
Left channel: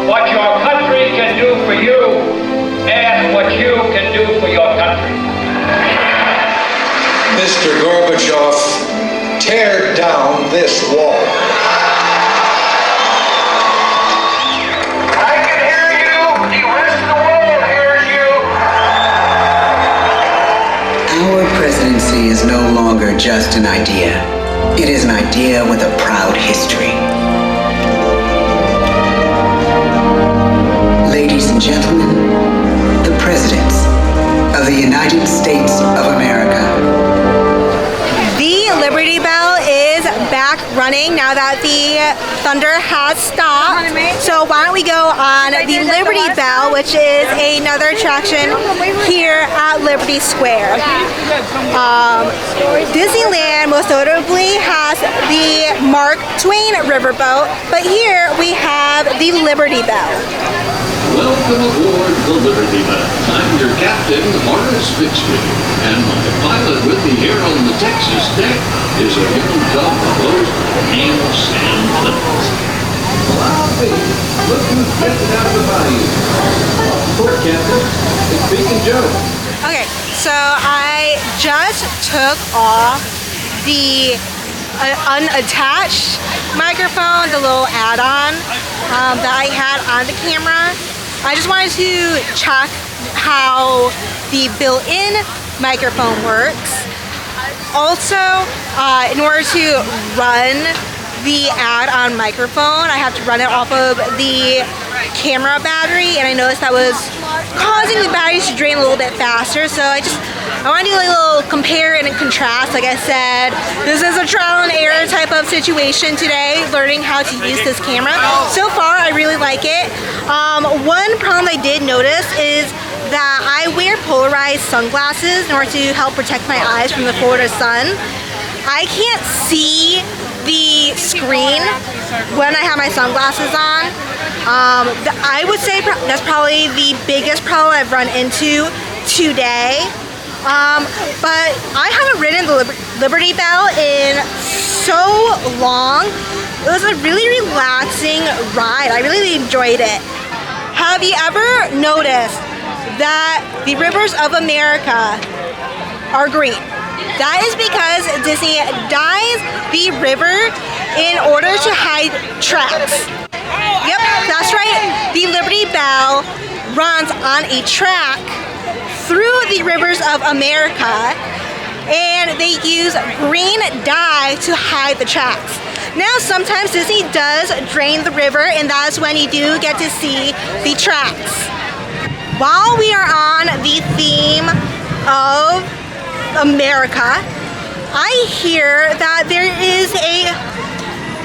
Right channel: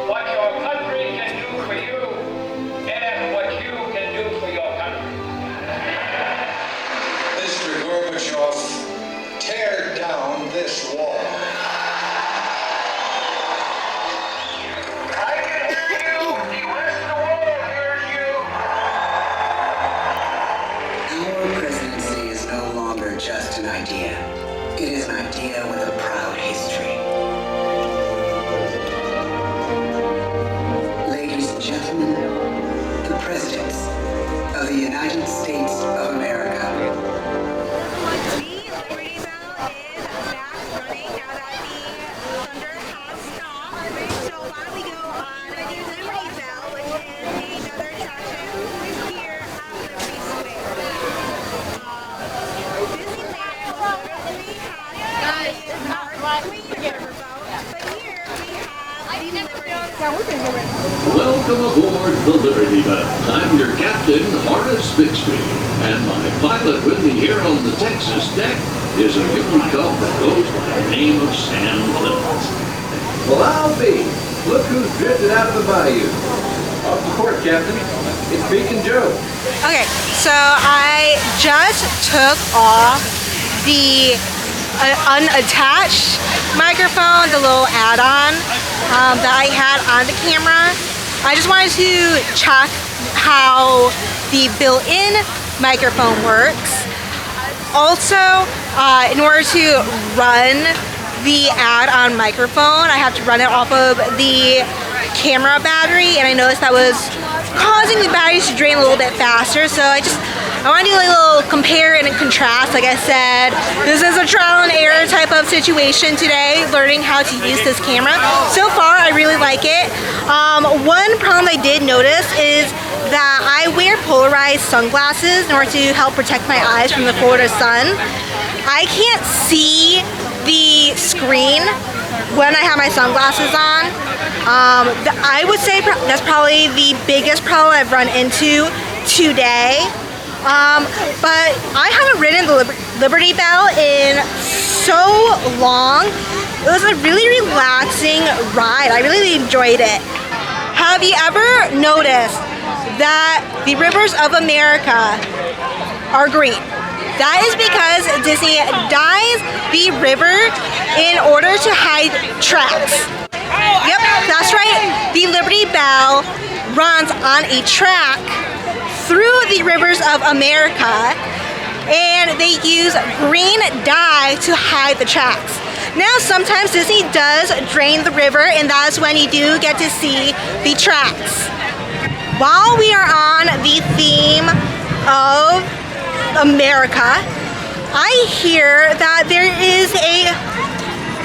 what your country can do for you. Ask what you can do for your country. Mr. Gorbachev, tear down this wall. I can hear you. The rest of the world hears you. Our presidency is no longer just an idea. It is an idea with a proud history. Ladies and gentlemen, the presidents of the United States of America. The Liberty Bell is back running now that the thunder has stopped. So why don't we go on the Liberty Bell, which is another attraction here at Liberty Square. Disneyland most notably has the Mark Twain riverboat, but here we have the Liberty Bell. Welcome aboard the Liberty Bell. I'm your captain, Horace Bixby, and my pilot with me here on the Texas deck is a young cub host named Sam Clemens. Well, I'll be. Look who's drifting out of the bayou. Off the port, Captain. It's Beacon Joe. Okay, so I just took off the unattached microphone, the little add-on that I had on the camera. I just wanted to check how the built-in microphone works. Also, in order to run the add-on microphone, I have to run it off of the camera battery, and I noticed that was causing the batteries to drain a little bit faster, so I want to do like a little compare and contrast. Like I said, this is a trial and error type of situation today, learning how to use this camera. So far, I really like it. One problem I did notice is that I wear polarized sunglasses in order to help protect my eyes from the Florida sun. I can't see the screen when I have my sunglasses on. I would say that's probably the biggest problem I've run into today. But I haven't ridden the Liberty Bell in so long. It was a really relaxing ride. I really enjoyed it. Have you ever noticed that the rivers of America are green? That is because Disney dyes the river in order to hide tracks. Yep, that's right. The Liberty Bell runs on a track through the rivers of America, and they use green dye to hide the tracks. Now, sometimes Disney does drain the river, and that's when you do get to see the tracks. While we are on the theme of America, I hear that there is a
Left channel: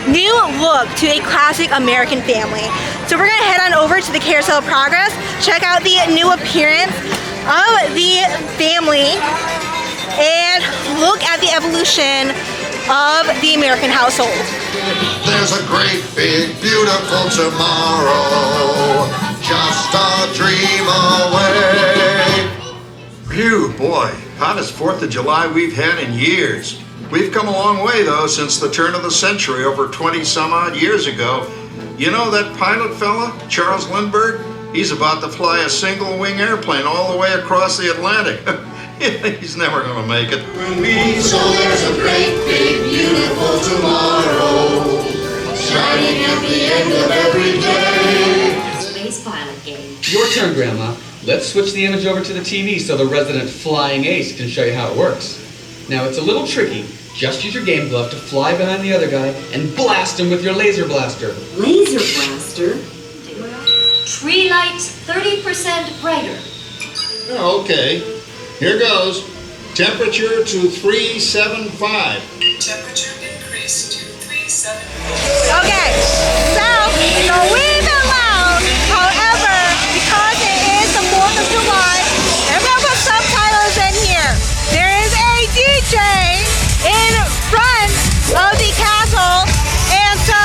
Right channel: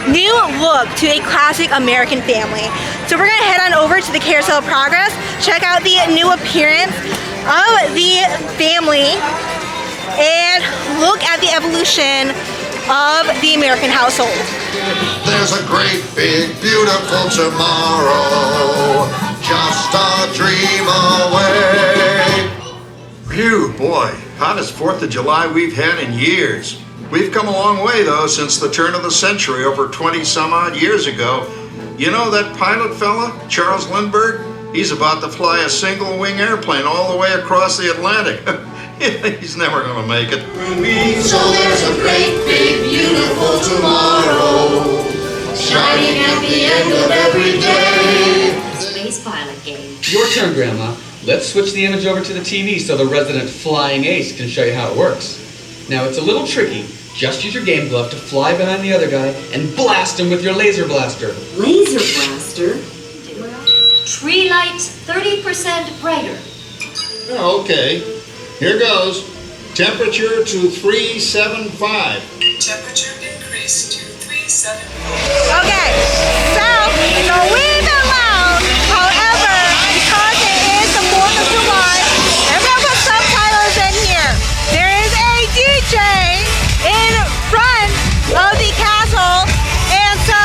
new look to a classic American family. So we're gonna head on over to the Carousel of Progress, check out the new appearance of the family, and look at the evolution of the American household. There's a great, big, beautiful tomorrow, just a dream away. Phew, boy, hottest 4th of July we've had in years. We've come a long way, though, since the turn of the century, over 20 some odd years ago. You know that pilot fella, Charles Lindbergh? He's about to fly a single-wing airplane all the way across the Atlantic. He's never gonna make it. So there's a great, big, beautiful tomorrow, shining at the end of every day. Space pilot game. Your turn, Grandma. Let's switch the image over to the TV so the resident flying ace can show you how it works. Now, it's a little tricky. Just use your game glove to fly behind the other guy and blast him with your laser blaster. Laser blaster? Tree lights 30% brighter. Oh, okay. Here goes. Temperature to 375. Temperature increase to 375. Okay, so it's a wee bit loud. However, because it is the 4th of July, I'm gonna put subtitles in here. There is a DJ in front of the castle, and so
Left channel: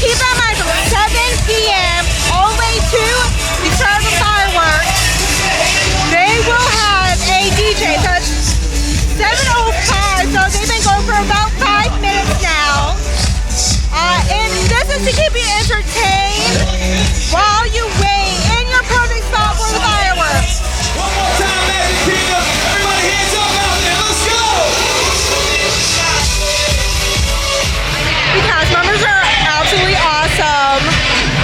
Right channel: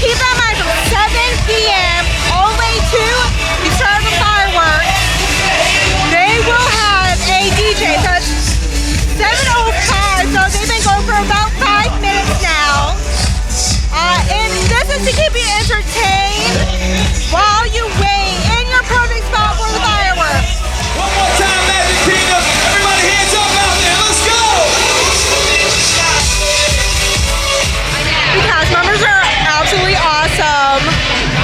keep in mind from 7 p.m. all the way to the start of the fireworks, they will have a DJ. So it's 7:05, so they've been going for about 5 minutes now. And this is to keep you entertained while you wait in your perfect spot for the fireworks. One more time, Magic Kingdom. Everybody hands up out there. Let's go. The cast members are absolutely awesome.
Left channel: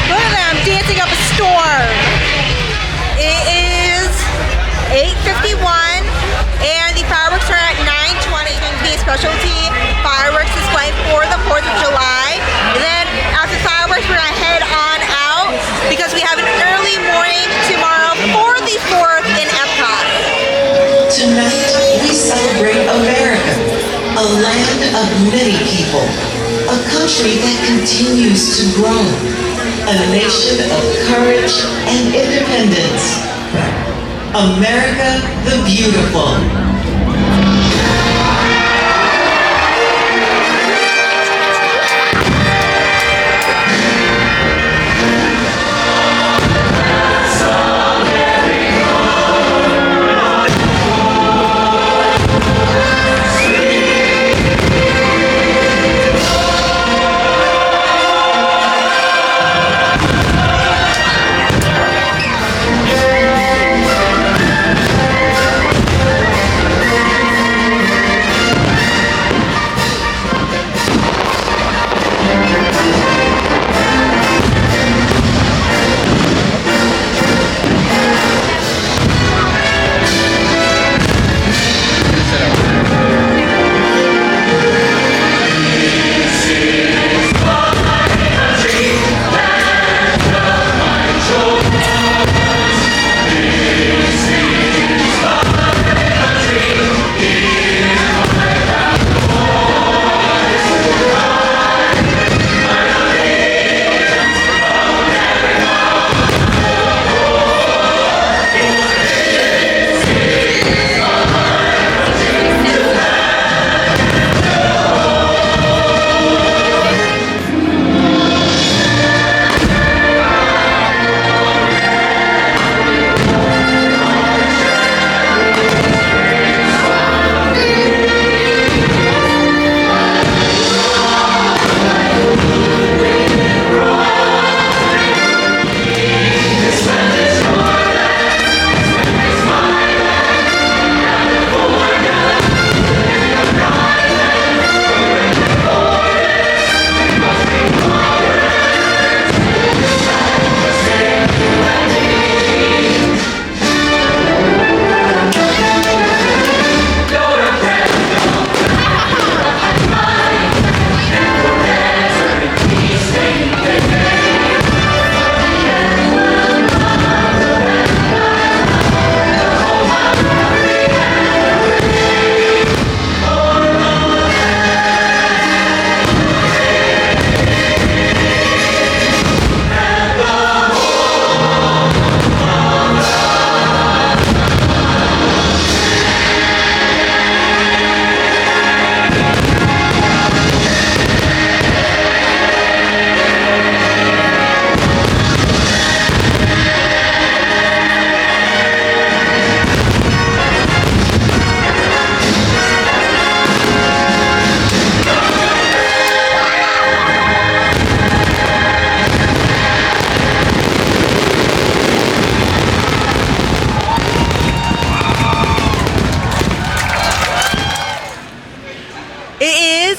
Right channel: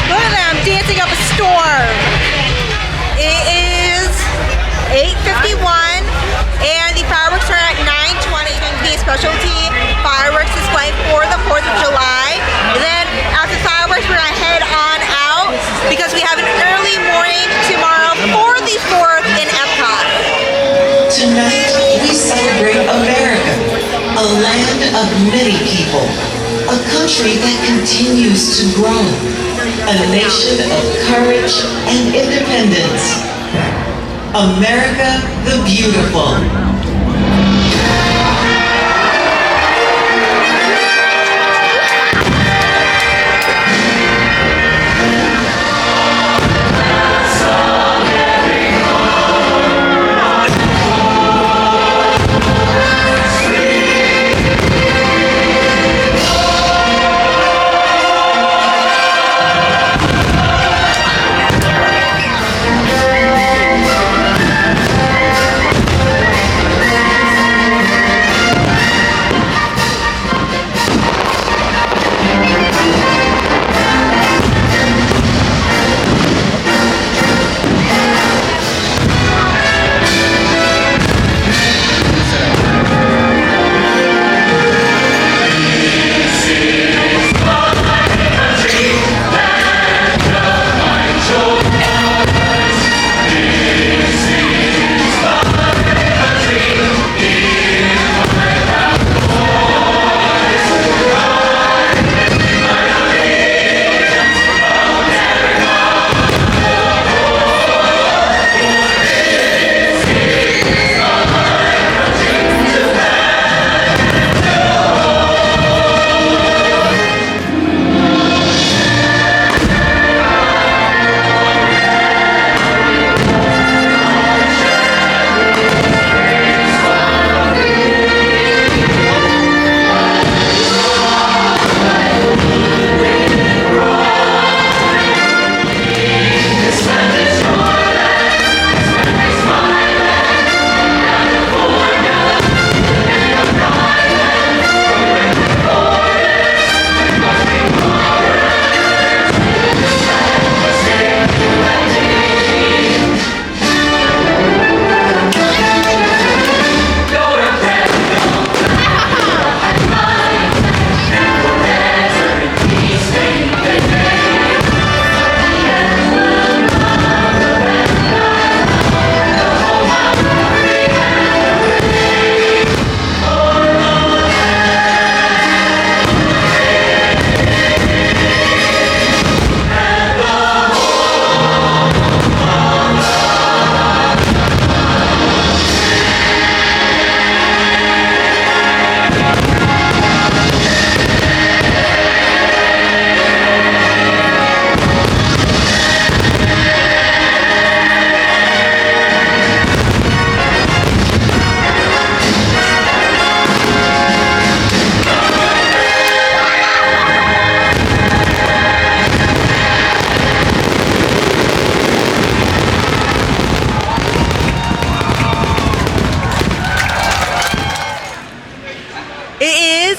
Look at them dancing up a storm. It is 8:51 and the fireworks are at 9:20. It's going to be a specialty fireworks display for the 4th of July. And then after fireworks, we're going to head on out because we have an early morning tomorrow for the 4th in Epcot. Tonight, we celebrate America, a land of many people, a country that continues to grow, a nation of courage and independence. America the Beautiful.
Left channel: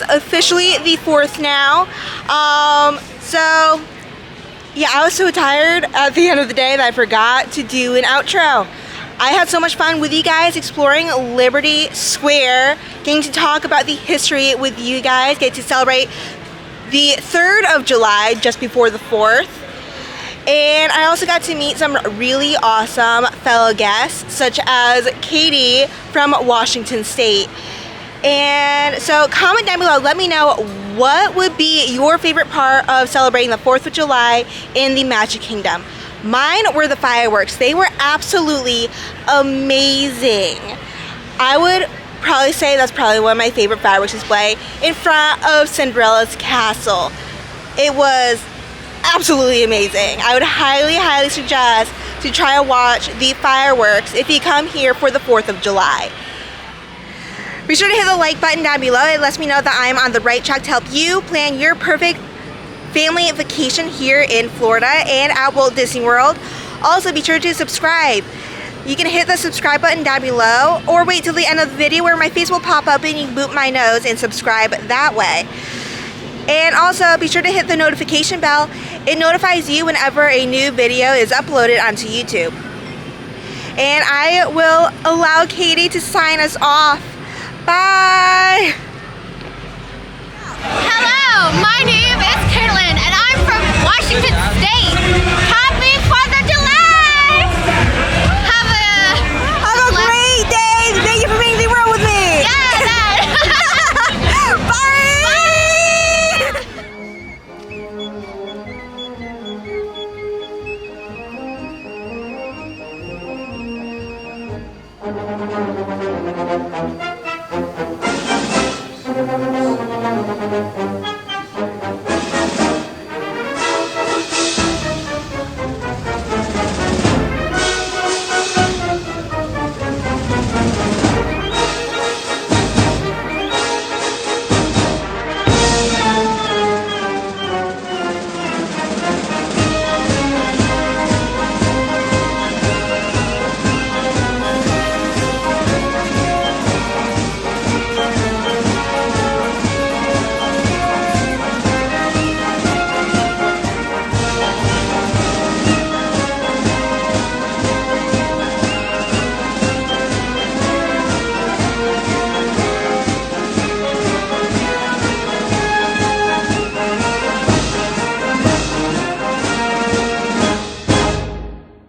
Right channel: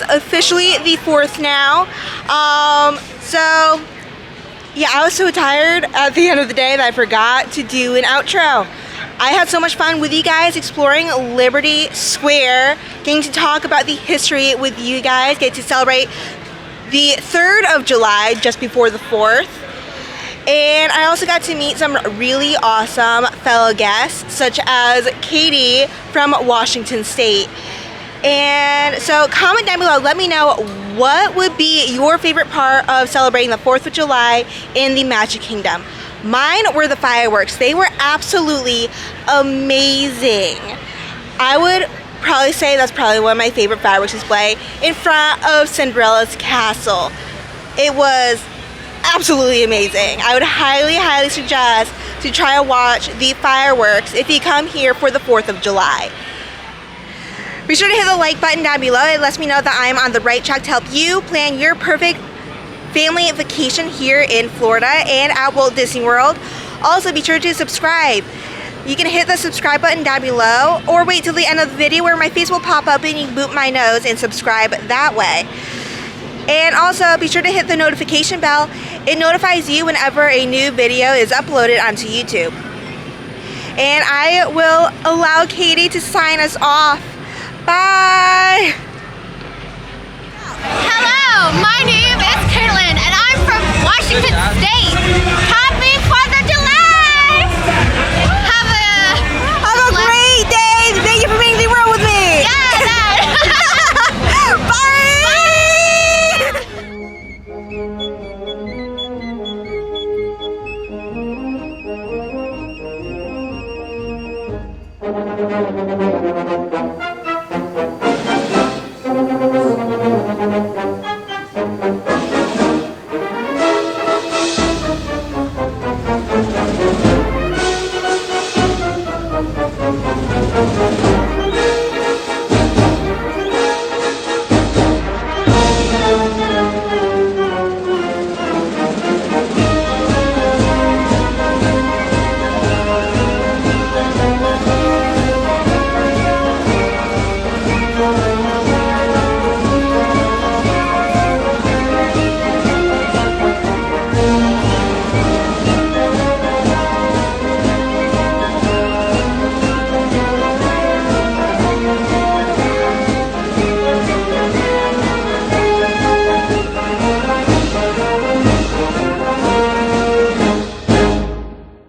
officially the 4th now. So yeah, I was so tired at the end of the day that I forgot to do an outro. I had so much fun with you guys exploring Liberty Square, getting to talk about the history with you guys, get to celebrate the 3rd of July just before the 4th. And I also got to meet some really awesome fellow guests, such as Katie from Washington State. And so comment down below, let me know what would be your favorite part of celebrating the 4th of July in the Magic Kingdom. Mine were the fireworks. They were absolutely amazing. I would probably say that's probably one of my favorite fireworks display in front of Cinderella's castle. It was absolutely amazing. I would highly suggest to try to watch the fireworks if you come here for the 4th of July. Be sure to hit the like button down below. It lets me know that I'm on the right track to help you plan your perfect family vacation here in Florida and at Walt Disney World. Also, be sure to subscribe. You can hit the subscribe button down below or wait till the end of the video where my face will pop up and you can boop my nose and subscribe that way. And also, be sure to hit the notification bell. It notifies you whenever a new video is uploaded onto YouTube. And I will allow Katie to sign us off. Bye! Hello, my name is Caitlin and I'm from Washington State. Happy 4th of July! Have a great day! Thank you for being the world with me! Yeah, Bye!